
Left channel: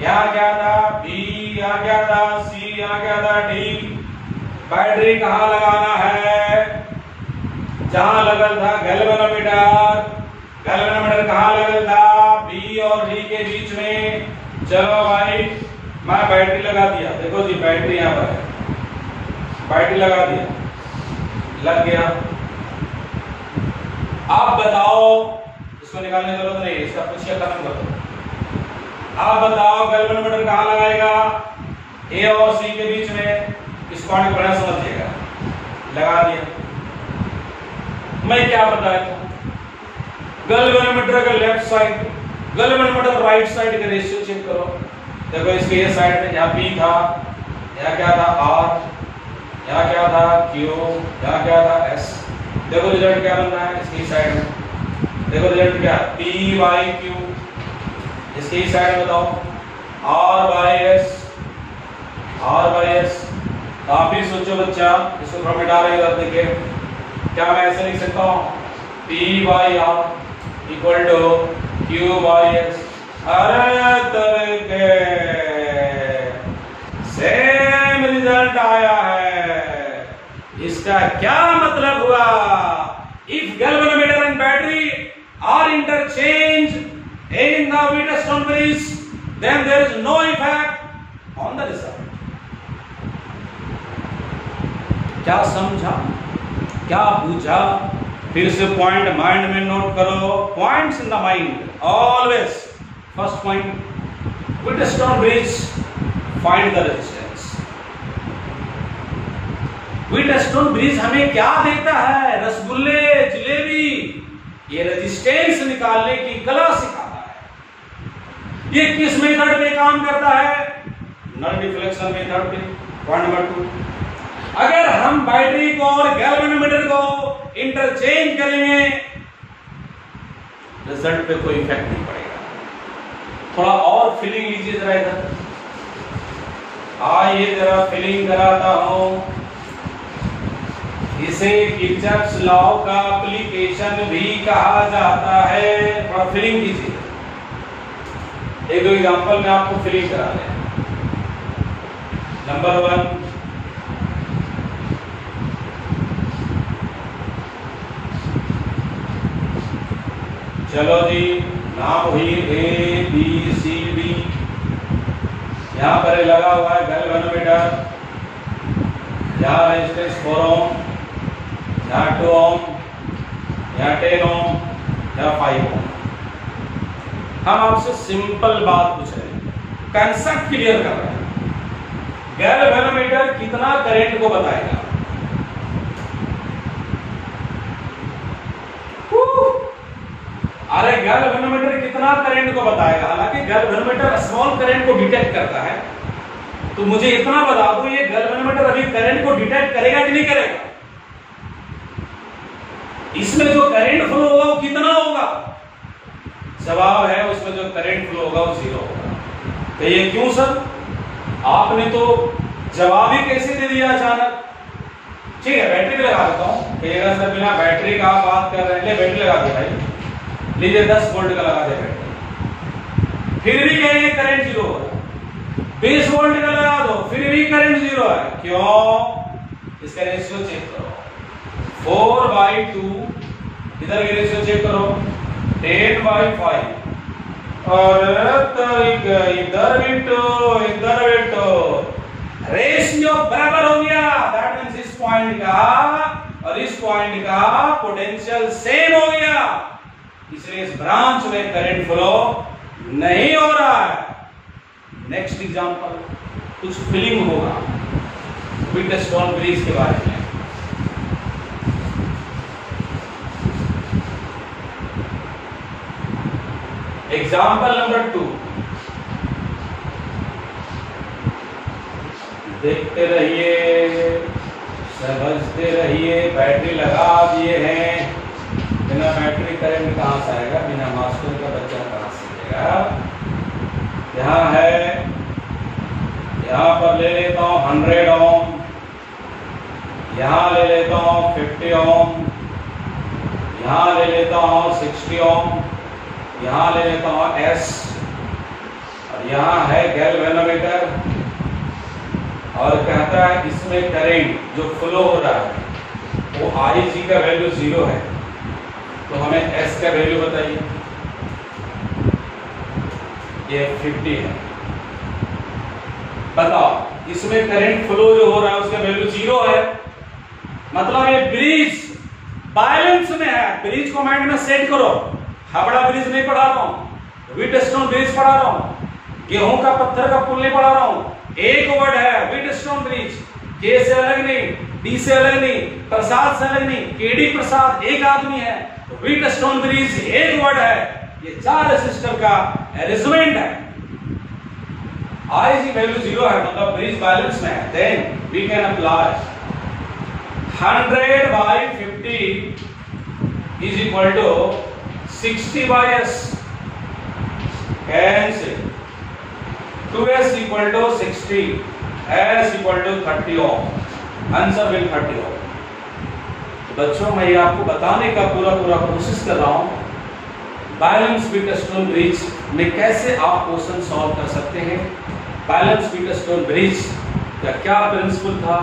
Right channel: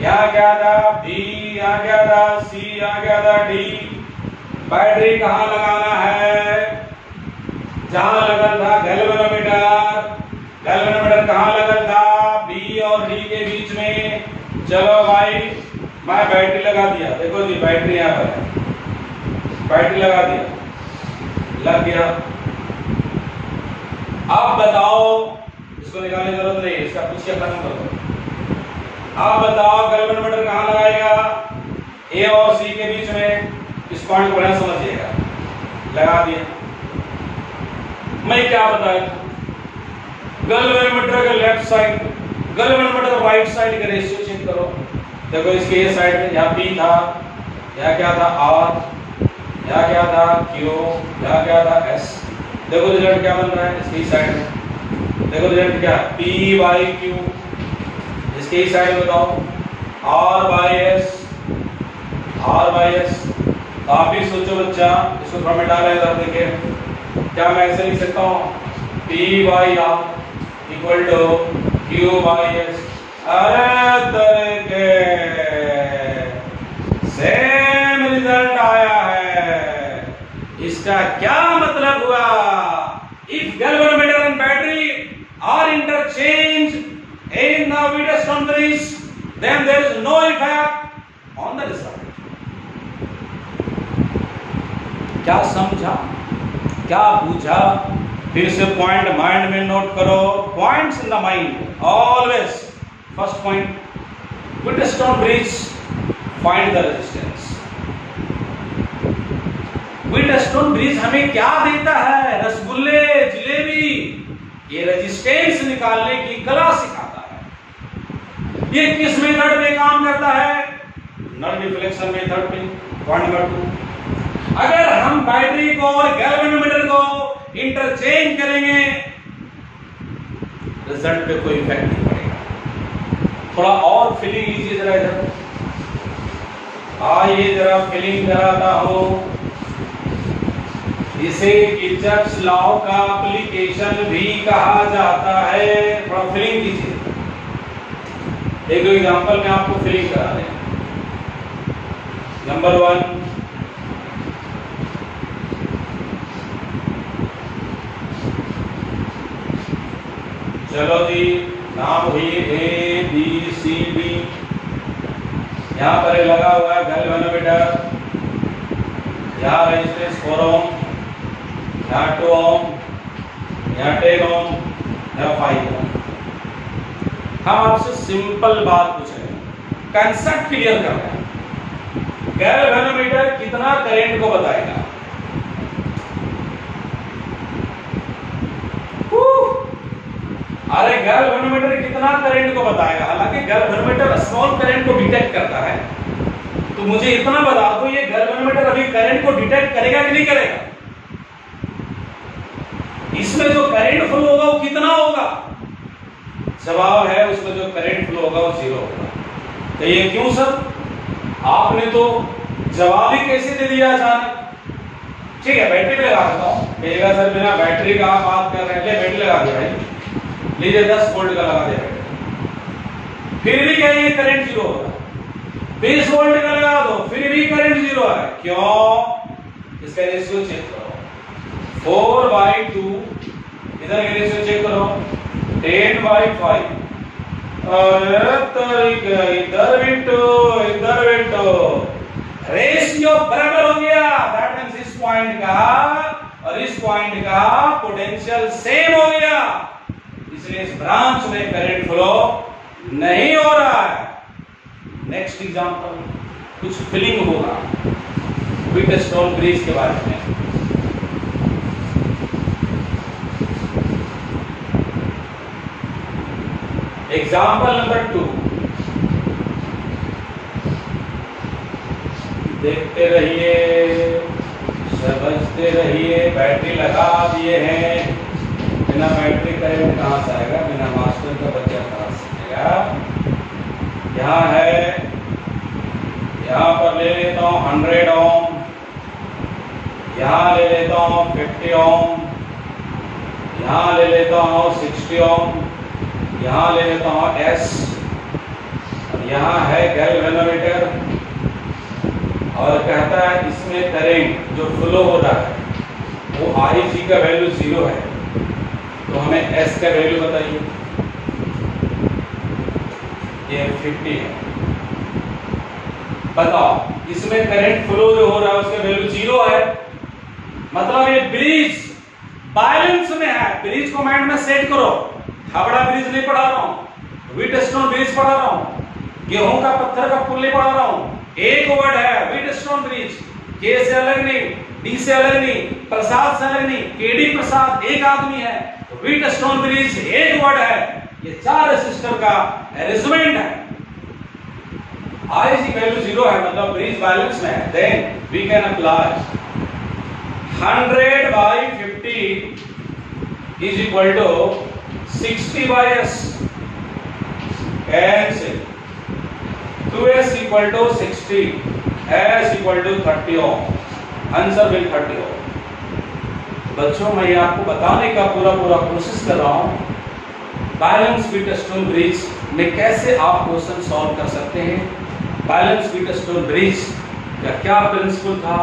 यहाँ क्या था? बी, यहाँ क्या था? सी, यहाँ क्या था? डी। बैटरी कहाँ लगाना है? जहां लगल था गैल्वेनोमीटर। गैल्वेनोमीटर कहाँ लगल था? बी और डी के बीच में। चलो भाई, मैं बैटरी लगा दिया। देखो जी, बैटरी यहाँ पर है, बैटरी लगा दिया, लग गया। आप बताओ, इसको निकालने की जरूरत नहीं, इसका पीछे खत्म कर दो। आप बताओ गैल्वेनोमीटर कहाँ लगाएगा? ए और सी के बीच में। इस पॉइंट को बढ़िया समझिएगा। लगा दिया। मैं क्या बताया था? गैल्वेनोमीटर का left side, galvanometer right side का रेशियो चेक करो। देखो, इसके ये साइड में यहाँ पी था, यहाँ क्या था? आर, यहाँ क्या था? क्यू, यहाँ क्या था? एस। देखो रिजल्ट क्या बन रहा है इसकी साइड में। देखो रिजल्ट क्या? P by Q. इसकी साइड में बताओ, R by S, R by S. आप भी सोचो बच्चा, इसको थोड़ा मिटा लें। इधर देखिए, क्या मैं ऐसे लिख सकता हूँ? P by R equal to Q by S. अरे तरीके सेम रिजल्ट आया है। इसका क्या मतलब हुआ? If galvanometer and battery are interchange in the Wheatstone bridge, then there is no effect on the result. क्या समझा? क्या पूछा? फिर से पॉइंट माइंड में नोट करो। Points in the mind always. First point, Wheatstone bridge, find the resistance. Wheatstone bridge हमें क्या देता है? रसगुल्ले, जिलेबी। ये रेजिस्टेंस निकालने की कला सिखाता है। ये किस मेथड पे काम करता है? नॉन डिफ्लेक्शन मेथड पे। पॉइंट नंबर 2, अगर हम बैटरी को और गैल्वेनोमीटर को इंटरचेंज करेंगे, रिजल्ट पे कोई इफेक्ट नहीं पड़ेगा। थोड़ा और फीलिंग लीजिए जरा इधर। आइए जरा फीलिंग कराता हूं। इसे किर्चॉफ्स लॉ का एप्लीकेशन भी कहा जाता है। थोड़ा फीलिंग कीजिए। एक दो एग्जांपल में आपको फीलिंग करा दें। नंबर 1, चलो जी, नाम हुई ए बी सी डी। यहां पर लगा हुआ है गैल्वेनोमीटर। यहाँ रेजिस्टेंस 4 ओम, यहाँ 2 ओम, यहाँ 10 ओम, यहाँ 5 ओम। हम आपसे सिंपल बात पूछ रहे हैं, कंसेप्ट क्लियर कर रहे हैं। गैल्वेनोमीटर कितना करंट को बताएगा? अरे गैल्वेनोमीटर कितना करंट को बताएगा? हालांकि गैल्वेनोमीटर स्मॉल करंट को डिटेक्ट करता है, तो मुझे इतना बता दो, ये गैल्वेनोमीटर अभी करंट को डिटेक्ट करेगा कि नहीं करेगा? इसमें जो करंट फ्लो होगा वो कितना होगा? जवाब है, उसमें जो करंट फ्लो होगा वो 0 होगा। तो ये क्यों सर? आपने तो जवाब ही कैसे दे दिया अचानक? ठीक है, बैटरी भी लगा देता हूँ। कहिएगा सर बिना बैटरी का बात कर रहे हैं, ले बैटरी लगा दिया भाई, लीजिए 10 वोल्ट का लगा दिया बैटरी, फिर भी कहेंगे करंट जीरो हो रहा है। 20 वोल्ट का लगा दो, फिर भी करंट जीरो है। क्यों? इसका रेशियो चेक करो, 4/2, इधर के रेशियो चेक करो 10/5, और इधर भी तो रेशियो बराबर हो गया। दैट मीन्स इस पॉइंट का और इस पॉइंट का पोटेंशियल सेम हो गया, इसलिए इस ब्रांच में करंट फ्लो नहीं हो रहा है। नेक्स्ट एग्जांपल, कुछ फीलिंग होगा व्हीटस्टोन ब्रिज के बारे में। एग्जाम्पल नंबर 2, देखते रहिए, समझते रहिए। बैटरी लगा दिए हैं, बिना बैटरी करंट कहां से आएगा, बिना मास्टर का बच्चा कहां से आएगा। यहाँ है, यहाँ पर ले लेता हूं 100 ओम, यहाँ ले लेता हूं 50 ओम, यहाँ ले लेता हूं 60 ओम, यहाँ ले लेता हूं S, और यहाँ है गैल्वेनोमीटर, और कहता है इसमें करंट जो फ्लो हो रहा है वो IC का वैल्यू 0 है, तो हमें S का वैल्यू बताइए। ये 50 है, बताओ इसमें करंट फ्लो जो हो रहा है उसका वैल्यू 0 है, मतलब ये ब्रिज बैलेंस में है। ब्रिज को माइंड में सेट करो, हावड़ा ब्रिज नहीं पढ़ा रहा हूं, व्हीटस्टोन ब्रिज पढ़ा रहा हूं, गेहूं का पत्थर का पुल नहीं पढ़ा रहा हूं। एक वर्ड है व्हीटस्टोन ब्रिज, के से अलग नहीं, डी से अलग नहीं, प्रसाद से अलग नहीं, केडी प्रसाद एक आदमी है, व्हीटस्टोन ब्रिज एक वर्ड है। ये 4 रेसिस्टर का अरेंजमेंट है। IC वैल्यू 0 है, मतलब ब्रिज बैलेंस में है। Then we can apply 100/50 is equal to 60/S, cancel, 2S equal to 60, S equal to 30 ohm, answer will 30 ohm। बच्चों मैं ये आपको बताने का पूरा कोशिश कर रहा हूं बैलेंस व्हीटस्टोन ब्रिज में कैसे आप क्वेश्चन सॉल्व कर सकते हैं। बैलेंस व्हीटस्टोन ब्रिज का क्या प्रिंसिपल था,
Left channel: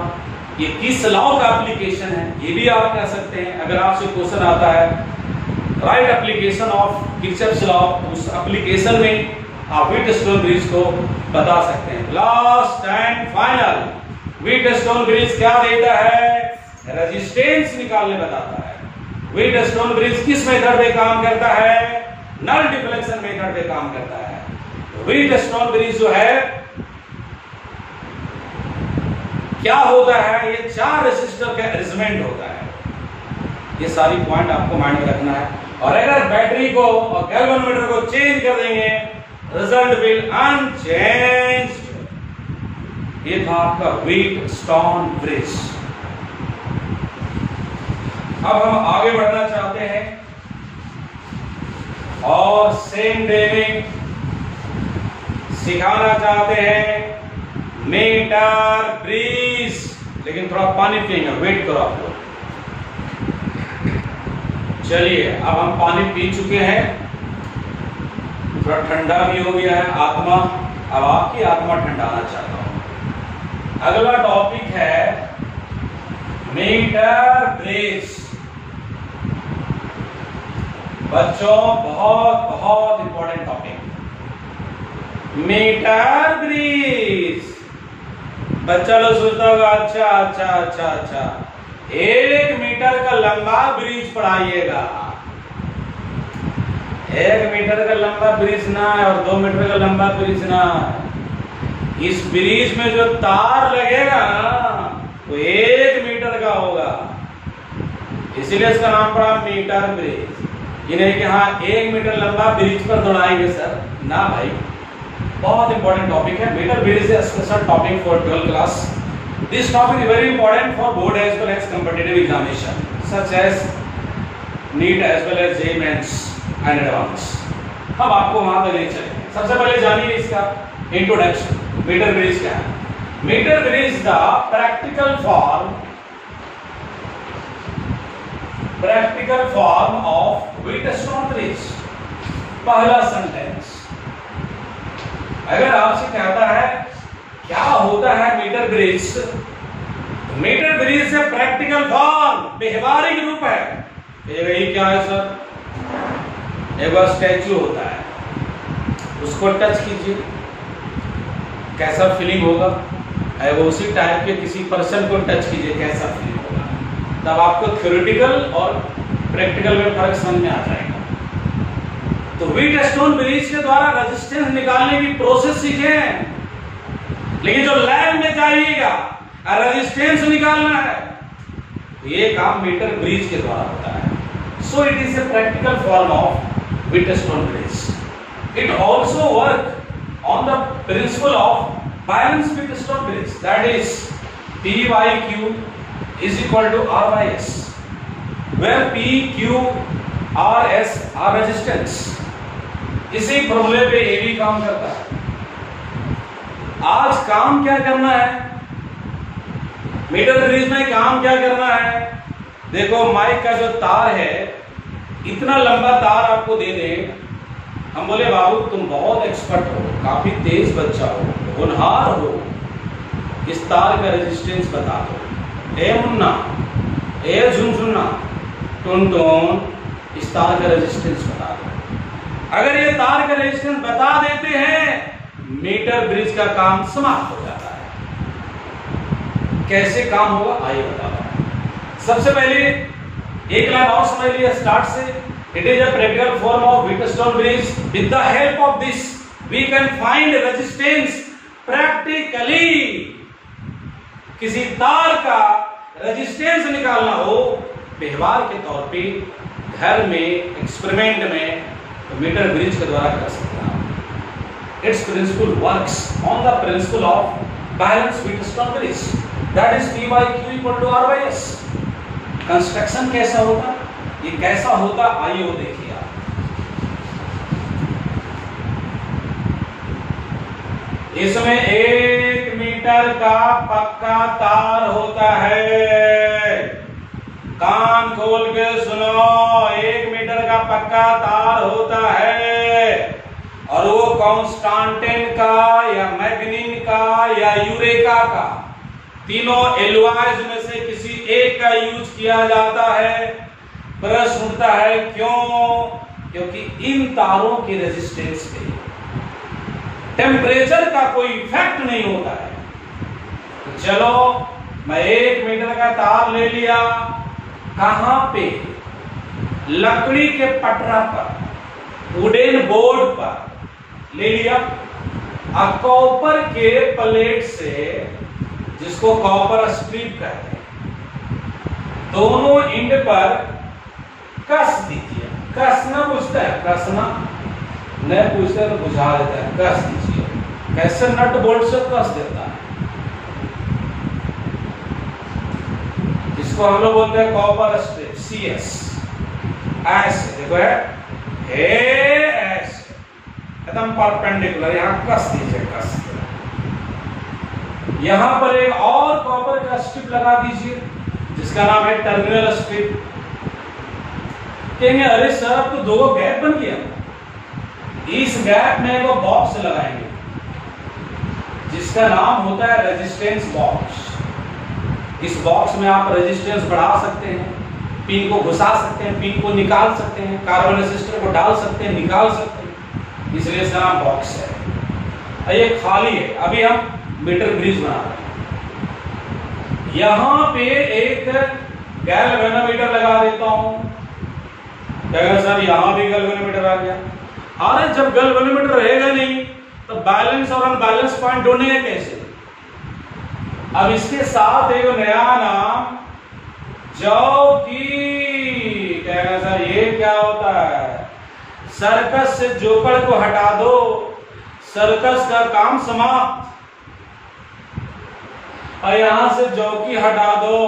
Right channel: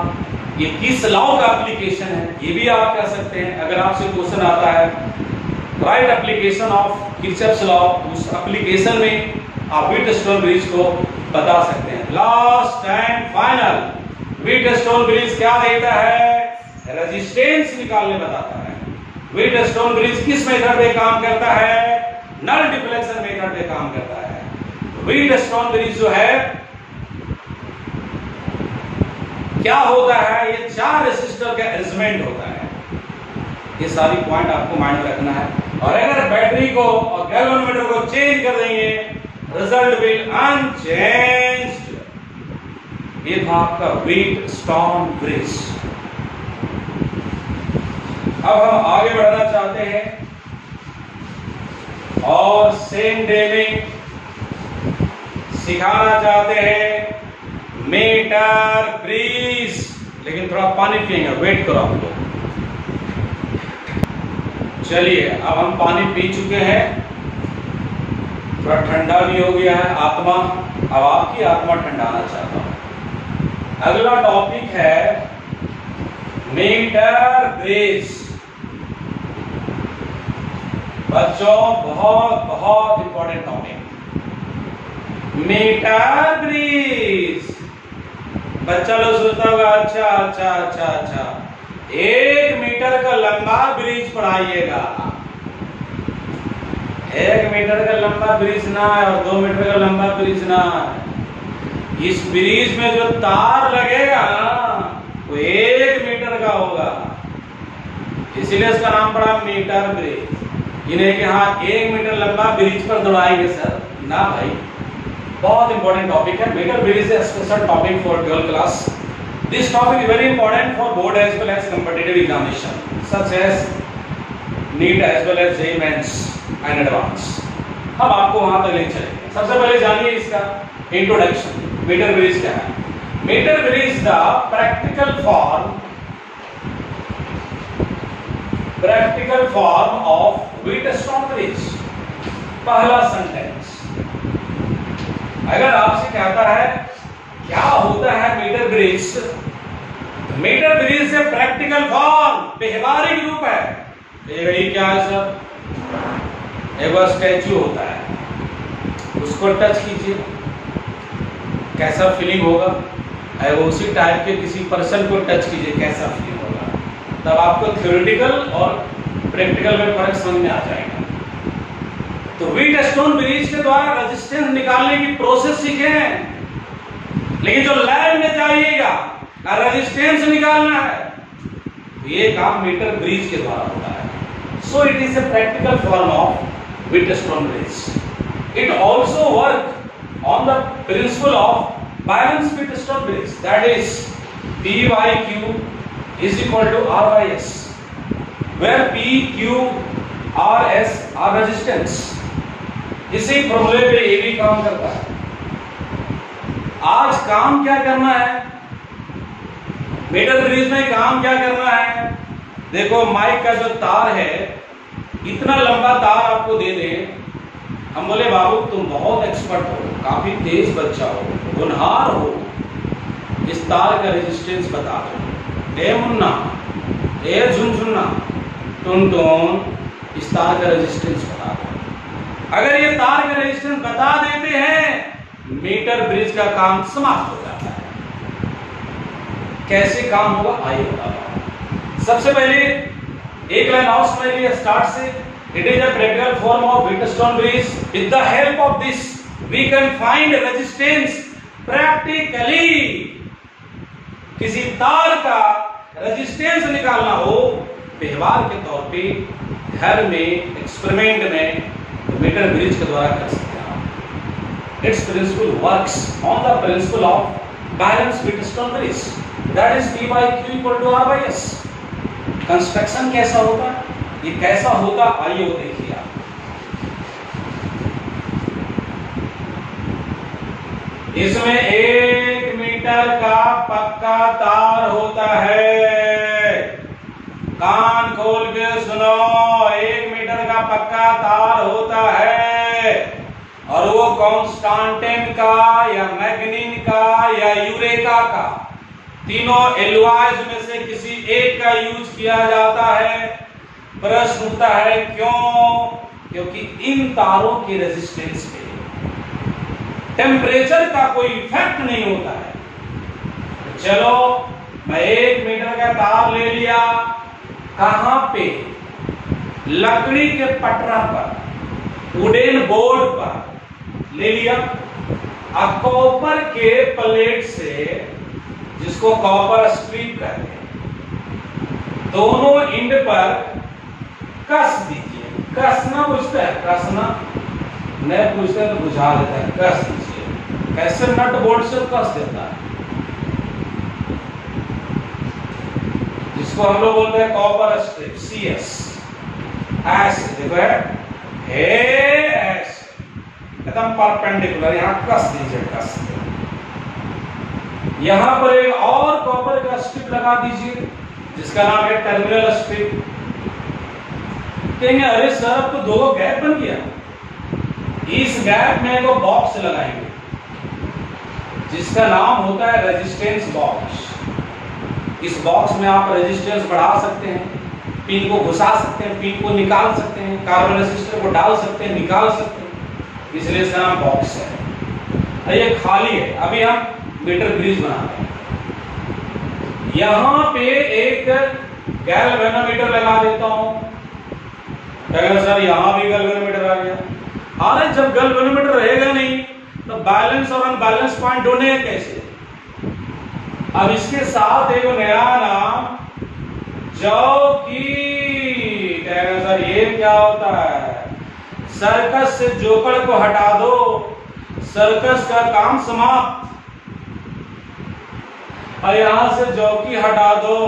ये किस लॉ का एप्लीकेशन है, ये भी आप कह सकते हैं। अगर आपसे क्वेश्चन आता है right application of Kirchhoff's law, उस एप्लीकेशन में आप व्हीटस्टोन ब्रिज को बता सकते हैं। Last and final, Wheatstone bridge क्या देता है, रेजिस्टेंस निकालने बताता है। व्हीटस्टोन ब्रिज किस मेथड पे काम करता है, नल डिफ्लेक्शन मेथड पे काम करता है। व्हीटस्टोन ब्रिज जो है क्या होता है, ये 4 रेसिस्टर का अरेंजमेंट होता है। ये सारी पॉइंट आपको माइंड में रखना है, और अगर बैटरी को और गैल्वेनोमीटर को चेंज कर देंगे रिजल्ट विल अनचेंज्ड। ये था आपका व्हीटस्टोन ब्रिज। अब हम आगे बढ़ना चाहते हैं और सेम डे में सिखाना चाहते हैं मीटर ब्रिज, लेकिन थोड़ा पानी पिएंगे, वेट करो आप लोग। चलिए अब हम पानी पी चुके हैं, थोड़ा ठंडा भी हो गया है आत्मा, अब आपकी आत्मा ठंडाना चाहता हूं। अगला टॉपिक है मीटर ब्रिज। बच्चों बहुत इंपॉर्टेंट टॉपिक, मीटर ब्रिज। बच्चा लोग सोचता होगा अच्छा 1 मीटर का लंबा ब्रिज पढ़ाइएगा। 1 मीटर का लंबा ब्रिज ना है और 2 मीटर का लंबा ब्रिज ना है। इस ब्रिज में जो तार लगेगा वो 1 मीटर का होगा, इसीलिए इसका नाम पड़ा मीटर ब्रिज। इन्हें कि हाँ 1 मीटर लंबा ब्रिज पर दौड़ाएंगे सर, ना भाई। बहुत इंपॉर्टेंट टॉपिक है metre bridge, is a special topic for 12th class. This topic is very important for board as well as competitive examination such as NEET as well as JEE Mains and Advance। हम आपको वहां पर ले चलेंगे। सबसे पहले जानिए इसका इंट्रोडक्शन, मीटर ब्रिज क्या है। Metre bridge the practical form practical form of Wheatstone bridge. पहला सेंटेंस, अगर आपसे कहता है क्या होता है मीटर ब्रिज, मीटर ब्रिज से प्रैक्टिकल फॉर्म व्यवहारिक रूप है। ये क्या है सर? एक स्टैचू होता है, उसको टच कीजिए, कैसा फीलिंग होगा? वो उसी टाइप के किसी पर्सन को टच कीजिए, कैसा फीलिंग होगा? तब आपको थ्योरेटिकल और प्रैक्टिकल में फर्क समझ में आ जाएगा। तो व्हीटस्टोन ब्रिज के द्वारा रेजिस्टेंस निकालने की प्रोसेस सीखे हैं, लेकिन जो लैब में चाहिएगा रेजिस्टेंस निकालना है, तो ये काम मीटर ब्रिज के द्वारा होता है। सो it is a practical form of Wheatstone bridge. It also work on the principle of balance Wheatstone bridge, that is P by Q is equal to R by S, where P, Q, R, S are resistance। इसी फॉर्मूले पे ये भी काम करता है। आज काम क्या करना है मीटर ब्रिज में? काम क्या करना है? देखो, माइक का जो तार है, इतना लंबा तार आपको दे दें, हम बोले बाबू तुम बहुत एक्सपर्ट हो, काफी तेज बच्चा हो, होनहार हो, इस तार का रेजिस्टेंस बता दो। ए मुन्ना, ए झुनझुन्ना, टुन टुन, इस तार का रेजिस्टेंस बता दो। अगर ये तार का रेजिस्टेंस बता देते हैं, मीटर ब्रिज का काम समाप्त हो जाता है। कैसे काम होगा आइए बताता हूं। सबसे पहले एक लाइन और समझ लिया स्टार्ट से। It is a practical form of Wheatstone bridge. With the help of this we can find resistance practically. किसी तार का रेजिस्टेंस निकालना हो व्यवहार के तौर पे, घर में, एक्सपेरिमेंट में, तो मीटर ब्रिज के द्वारा कर सकते हैं आप। It's principle works on the principle of balance Wheatstone bridge, that is P by Q equal to R by S। Construction कैसा होगा, ये कैसा होगा, आइए वो देखिए आप। इसमें 1 मीटर का पक्का तार होता है। कान खोल के सुनो, 1 मीटर का पक्का तार होता है, और वो कॉन्स्टेंटाइन का या मैग्नीन का या यूरेका का, तीनों एलॉयज में से किसी एक का यूज किया जाता है। प्रश्न उठता है क्यों? क्योंकि इन तारों की रेजिस्टेंस पे टेम्परेचर का कोई इफेक्ट नहीं होता है। तो चलो, मैं 1 मीटर का तार ले लिया, कहां पे? लकड़ी के पटरा पर, वुडन बोर्ड पर ले लिया। अब कॉपर के प्लेट से, जिसको कॉपर स्ट्रिप कहते हैं, दोनों एंड पर कस दीजिए। कसना पूछता है, कसना नहीं पूछता है तो बुझा देता है, कस दीजिए। कैसे? नट बोल्ट से कस देता है, जिसको हम लोग बोलते हैं कॉपर स्ट्रिप, CS। ऐसे देखो है, ऐसे एकदम परपेंडिकुलर, यहां कस दीजिए, कस। यहां पर एक और कॉपर का स्ट्रिप लगा दीजिए, जिसका नाम है टर्मिनल स्ट्रिप। कहेंगे अरे सर अब तो 2 गैप बन गया, इस गैप में वो बॉक्स लगाएंगे, जिसका नाम होता है रेजिस्टेंस बॉक्स। इस बॉक्स में आप रेजिस्टेंस बढ़ा सकते हैं, पिन को घुसा सकते हैं, पिन को निकाल सकते हैं, कार्बन रेसिस्टर को डाल सकते हैं, निकाल सकते हैं, इसलिए इसका नाम बॉक्स है। ये खाली है। अभी हम मीटर ब्रिज बनाते हैं। यहां पे एक गैल्वेनोमीटर लगा देता हूं। कहेगा सर यहां भी गैल्वेनोमीटर आ गया। अरे जब गैल्वेनोमीटर रहेगा नहीं तो बैलेंस और अनबैलेंस पॉइंट ढूंढेंगे कैसे? अब इसके साथ एक नया नाम जॉकी। कहेगा सर ये क्या होता है? सर्कस से जोकर को हटा दो, सर्कस का काम समाप्त। और यहां से जॉकी हटा दो,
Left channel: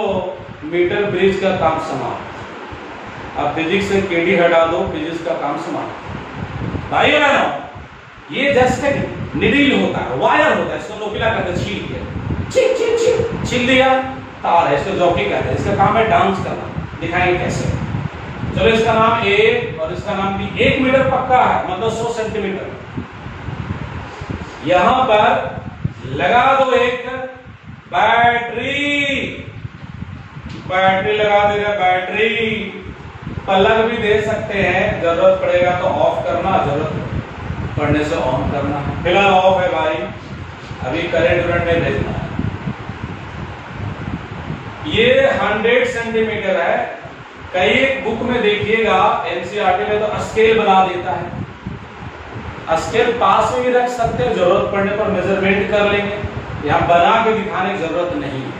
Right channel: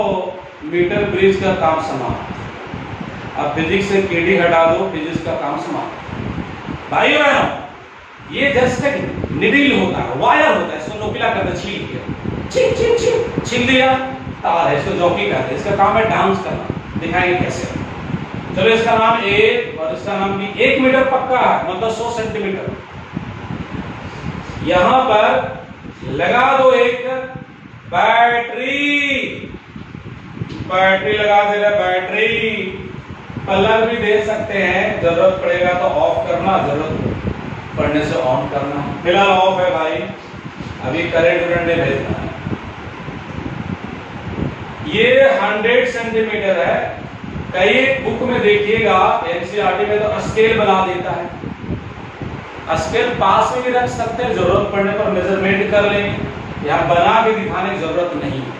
मीटर ब्रिज का काम समाप्त। अब फिजिक्स से केडी हटा दो, फिजिक्स का काम समाप्त। भाइयों बहनों, ये जस्ट एक निडिल होता है, वायर होता है, इसको नोकीला करते छील दिया, छील दिया तार है, इसको जॉकी कहते हैं। इसका काम है डांस करना। दिखाएंगे कैसे। चलो इसका नाम ए और इसका नाम बी। 1 मीटर पक्का है, मतलब 100 सेंटीमीटर। यहां पर लगा दो एक बैटरी, बैटरी लगा दे रहा, बैटरी प्लग भी दे सकते हैं, जरूरत पड़ेगा तो ऑफ करना, जरूरत पड़ने से ऑन करना। फिलहाल ऑफ है भाई, अभी करंट में भेजना है। ये 100 सेंटीमीटर है। कई बुक में देखिएगा एनसीईआरटी में तो स्केल बना देता है। स्केल पास में भी रख सकते हैं, जरूरत पड़ने पर मेजरमेंट कर लेंगे। यहां बना के दिखाने की जरूरत नहीं है।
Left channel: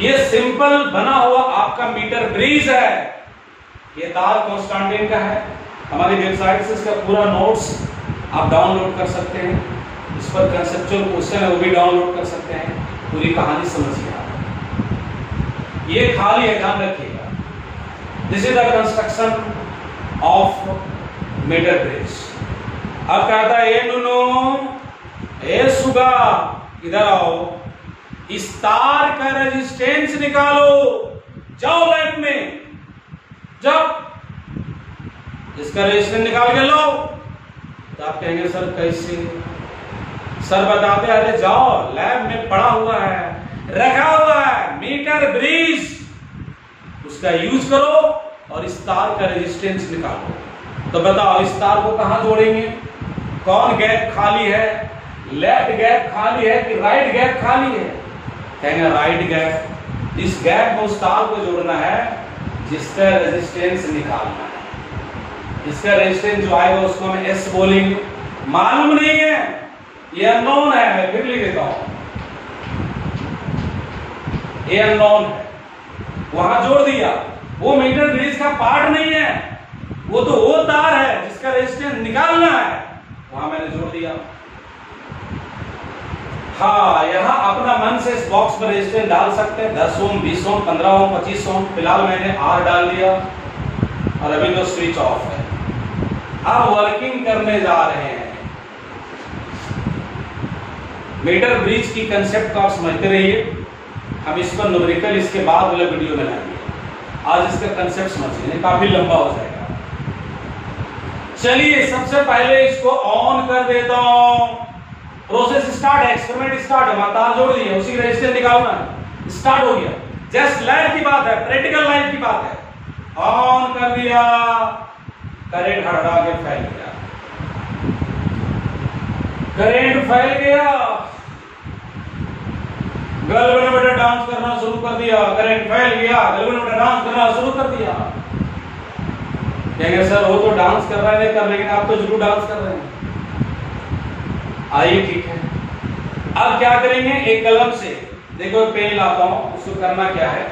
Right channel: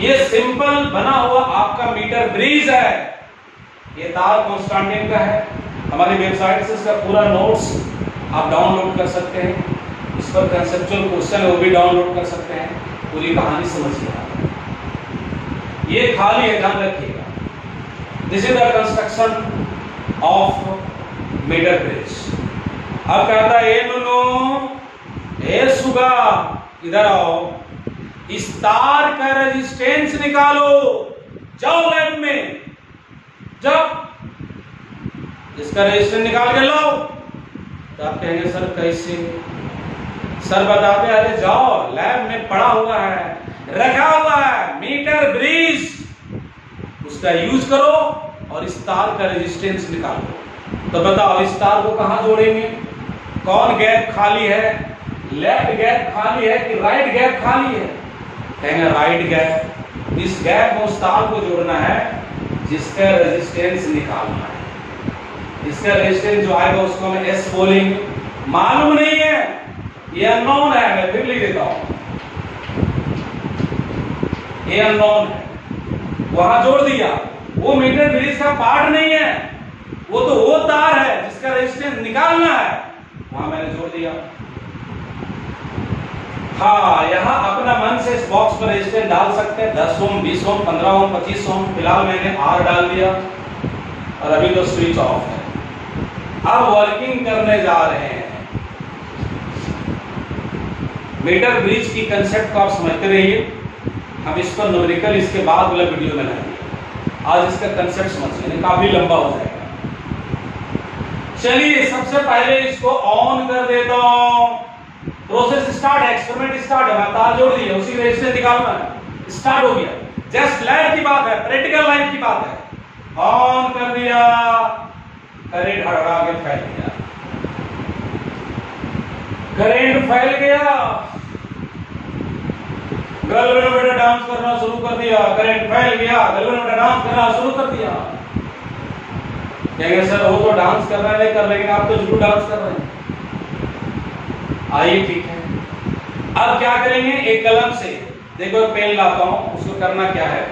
ये सिंपल बना हुआ आपका मीटर ब्रिज है। ये तार कॉन्स्टेंटाइन का है। हमारी वेबसाइट से इसका पूरा नोट्स आप डाउनलोड कर सकते हैं। इस पर कंसेप्चुअल क्वेश्चन है, वो भी डाउनलोड कर सकते हैं। पूरी कहानी समझिए आप। ये खाली है, ध्यान रखिएगा। This is the construction of metre bridge. अब कहता है ए नुनो ए सुगा, इधर आओ, इस तार का रेजिस्टेंस निकालो। जाओ लैब में, जाओ इसका रेजिस्टेंस निकाल के लो। तो आप कहेंगे सर कैसे? सर बताते अरे जाओ लैब में पड़ा हुआ है, रखा हुआ है मीटर ब्रिज, उसका यूज करो और इस तार का रेजिस्टेंस निकालो। तो बताओ इस तार को कहां जोड़ेंगे? कौन गैप खाली है? लेफ्ट गैप खाली है कि राइट गैप खाली है? कहेंगे राइट गैप। इस गैप में उस तार को जोड़ना है जिसका रेजिस्टेंस निकालना है। इसका रेजिस्टेंस जो आएगा उसको हम एस बोलेंगे। मालूम नहीं है, ये अननोन है, मैं फिर लिख देता हूं, ये अननोन है। वहां जोड़ दिया, वो मीटर ब्रिज का पार्ट नहीं है, वो तो वो तार है जिसका रेजिस्टेंस निकालना है, वहां मैंने जोड़ दिया। हाँ, यहां अपना मन से इस बॉक्स पर रेजिस्टेंस डाल सकते हैं, 10 ओम, 20 ओम, 15 ओम, 25 ओम। फिलहाल मैंने आर डाल दिया और अभी तो स्विच ऑफ है। अब वर्किंग करने जा रहे हैं। मीटर ब्रिज की कंसेप्ट को आप समझते रहिए, हम इस पर न्यूमेरिकल इसके बाद वाला वीडियो बनाएंगे। आज इसका कंसेप्ट समझिए, काफी लंबा हो जाएगा। चलिए सबसे पहले इसको ऑन कर देता हूं। प्रोसेस स्टार्ट है, एक्सपेरिमेंट स्टार्ट है। तार जोड़ दिए, उसी रेजिस्टेंस निकालना है, स्टार्ट हो गया। जस्ट लाइफ की बात है, प्रैक्टिकल लाइफ की बात है। ऑन कर दिया, करंट हटा के फैल गया, करंट फैल गया। गर्ल ने बेटा डांस करना शुरू कर दिया, करंट फैल गया। गर्ल ने बेटा डांस करना शुरू कर दिया। कहेंगे सर वो तो डांस कर रहे हैं कर, लेकिन आप तो जरूर डांस कर रहे हैं। आइए ठीक है, अब क्या करेंगे? एक कलम से, देखो पेन लाता हूं, उसको करना क्या है,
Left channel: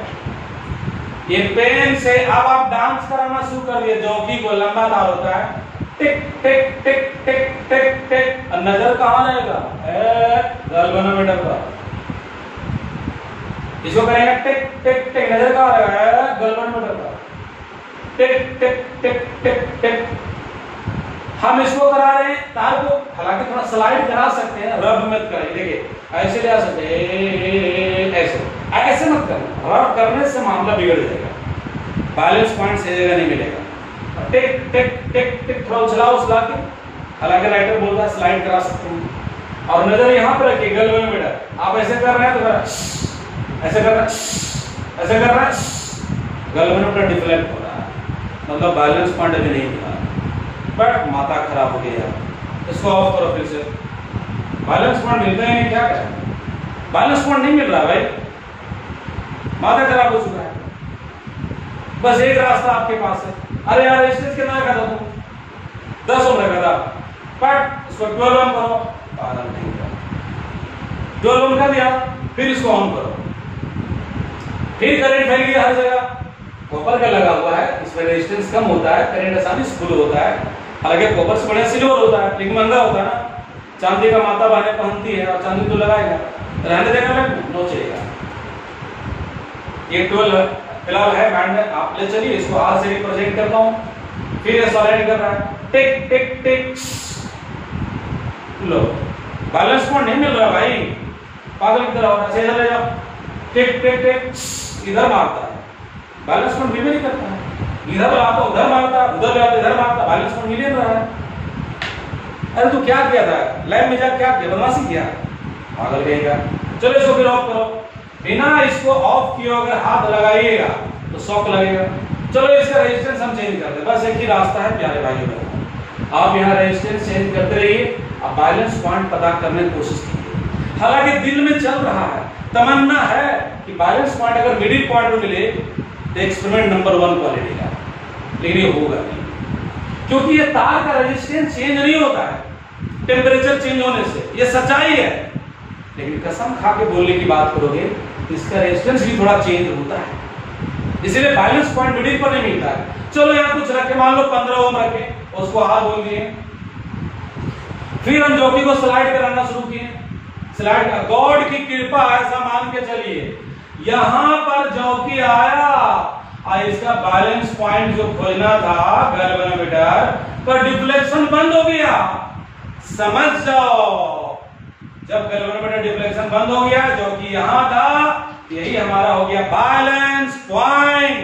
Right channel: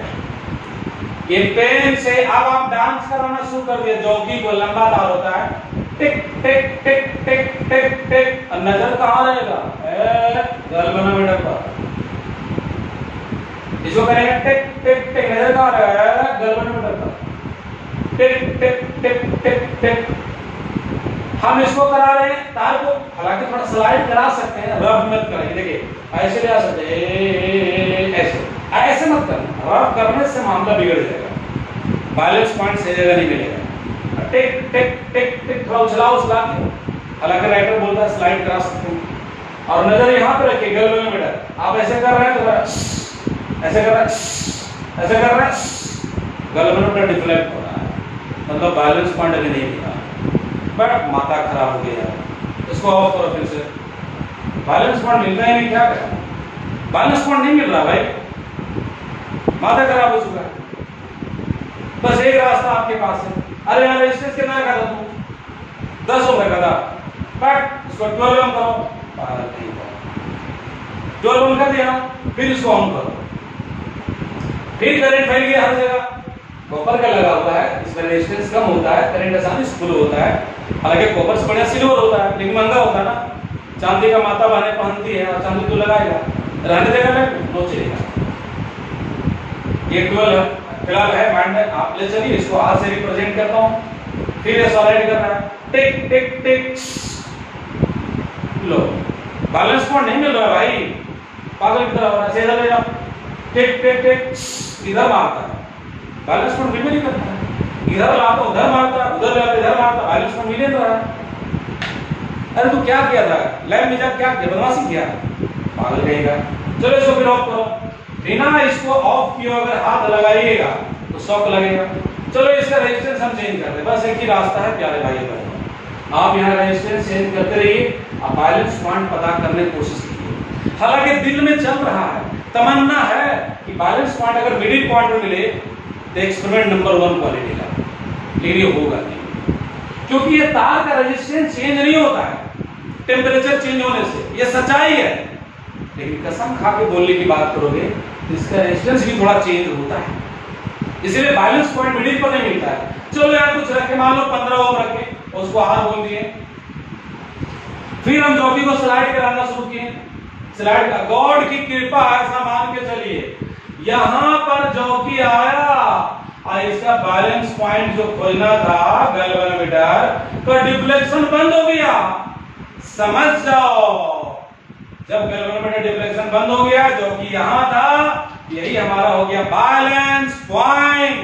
ये पेन से अब आप डांस कराना शुरू कर दिया। जॉकी को लंबा तार होता है, टिक टिक टिक टिक टिक टिक। नजर कहां रहेगा? गर्ल बना बेटा पर। इसको करेंगे टिक टिक टिक, नजर कहां रहेगा? गर्ल बना बेटा पर। टिक टिक टिक टिक टिक। हम इसको करा रहे हैं तार को, हालांकि थोड़ा स्लाइड करा सकते हैं, रब मत करिए। देखिए ऐसे ले आ सकते हैं, ऐसे ऐसे मत करना, रब करने से मामला बिगड़ जाएगा, बैलेंस पॉइंट सही जगह नहीं मिलेगा। टिक टिक टिक टिक, थोड़ा उछला उछला के, हालांकि राइटर बोलता है स्लाइड करा सकते हैं। और नजर यहां पे रखिए, गर्ल में बेटा आप ऐसे कर रहे हैं तो ऐसे कर रहे हैं, ऐसे कर रहे हैं, गर्ल में बेटा डिफ्लेक्ट हो रहा है, मतलब बैलेंस पॉइंट अभी नहीं मिला, बट माथा खराब हो गया। इसको ऑफ करो फिर से। बैलेंस पॉइंट मिलता है नहीं, क्या करें? बैलेंस पॉइंट नहीं मिल रहा भाई, माथा खराब हो चुका है। बस एक रास्ता आपके पास है। अरे यार रेजिस्टेंस कितना रखा था तू? 10 ओम रखा था, बट इसको 12 ओम करो। पागल नहीं था, 12 ओम कर दिया, फिर इसको ऑन करो, फिर करंट फैल गया हर जगह। कॉपर का लगा हुआ है, इसमें रेजिस्टेंस कम होता है, करंट आसानी से फ्लो होता है। हालांकि कॉपर से बढ़िया सिल्वर होता है, लेकिन महंगा होता है ना। चांदी का माता बहने पहनती है और चांदी तो लगाएगा, रहने देगा ना, नो चलेगा। ये 12 फिलहाल है माइंड में, आप ले चलिए। इसको आर से रिप्रेजेंट करता हूं, फिर ये सॉलिड करना है, टिक टिक टिक। लो बैलेंस पॉइंट नहीं मिल रहा भाई, पागल की तरह हो रहा है। सीधा ले जाओ, टिक टिक टिक, इधर मारता है, बैलेंस पॉइंट भी नहीं करता है। इधर लाता उधर मारता, उधर लाता इधर मारता, बैलेंस पॉइंट मिल नहीं रहा। अरे तू क्या किया था, लैब में जा क्या किया, बदमाशी किया, पागल कहेगा। चलो इसको फिर ऑफ करो, बिना इसको ऑफ किए अगर हाथ लगाइएगा तो शॉक लगेगा। चलो इसका रेजिस्टेंस हम चेंज कर दे, बस एक ही रास्ता है प्यारे भाई बहनों, आप यहाँ रेजिस्टेंस चेंज करते रहिए, आप बैलेंस पॉइंट पता करने की कोशिश कीजिए। हालांकि दिल में चल रहा है, तमन्ना है कि बैलेंस पॉइंट अगर मिडिल पॉइंट में मिले तो एक्सपेरिमेंट नंबर 1 क्वालिटी का, लेकिन ये होगा नहीं, क्योंकि ये तार का रेजिस्टेंस चेंज नहीं होता है टेम्परेचर चेंज होने से, ये सच्चाई है। लेकिन कसम खा के बोलने की बात करोगे तो इसका रेजिस्टेंस भी थोड़ा चेंज होता है, इसलिए बैलेंस पॉइंट मिडिल पर नहीं मिलता है। चलो यार कुछ रखे, मान लो 15 ओम रखे, उसको हाथ बोल दिए, फिर हम जॉकी को स्लाइड कराना शुरू किए, स्लाइड का गॉड की कृपा ऐसा मान के चलिए, यहां पर जॉकी आया और इसका बैलेंस पॉइंट जो खोजना था गैल्वेनोमीटर का डिफ्लेक्शन बंद हो गया। समझ जाओ, जब गैल्वेनोमीटर डिफ्लेक्शन बंद हो गया, जो कि यहां था, यही हमारा हो गया बैलेंस पॉइंट।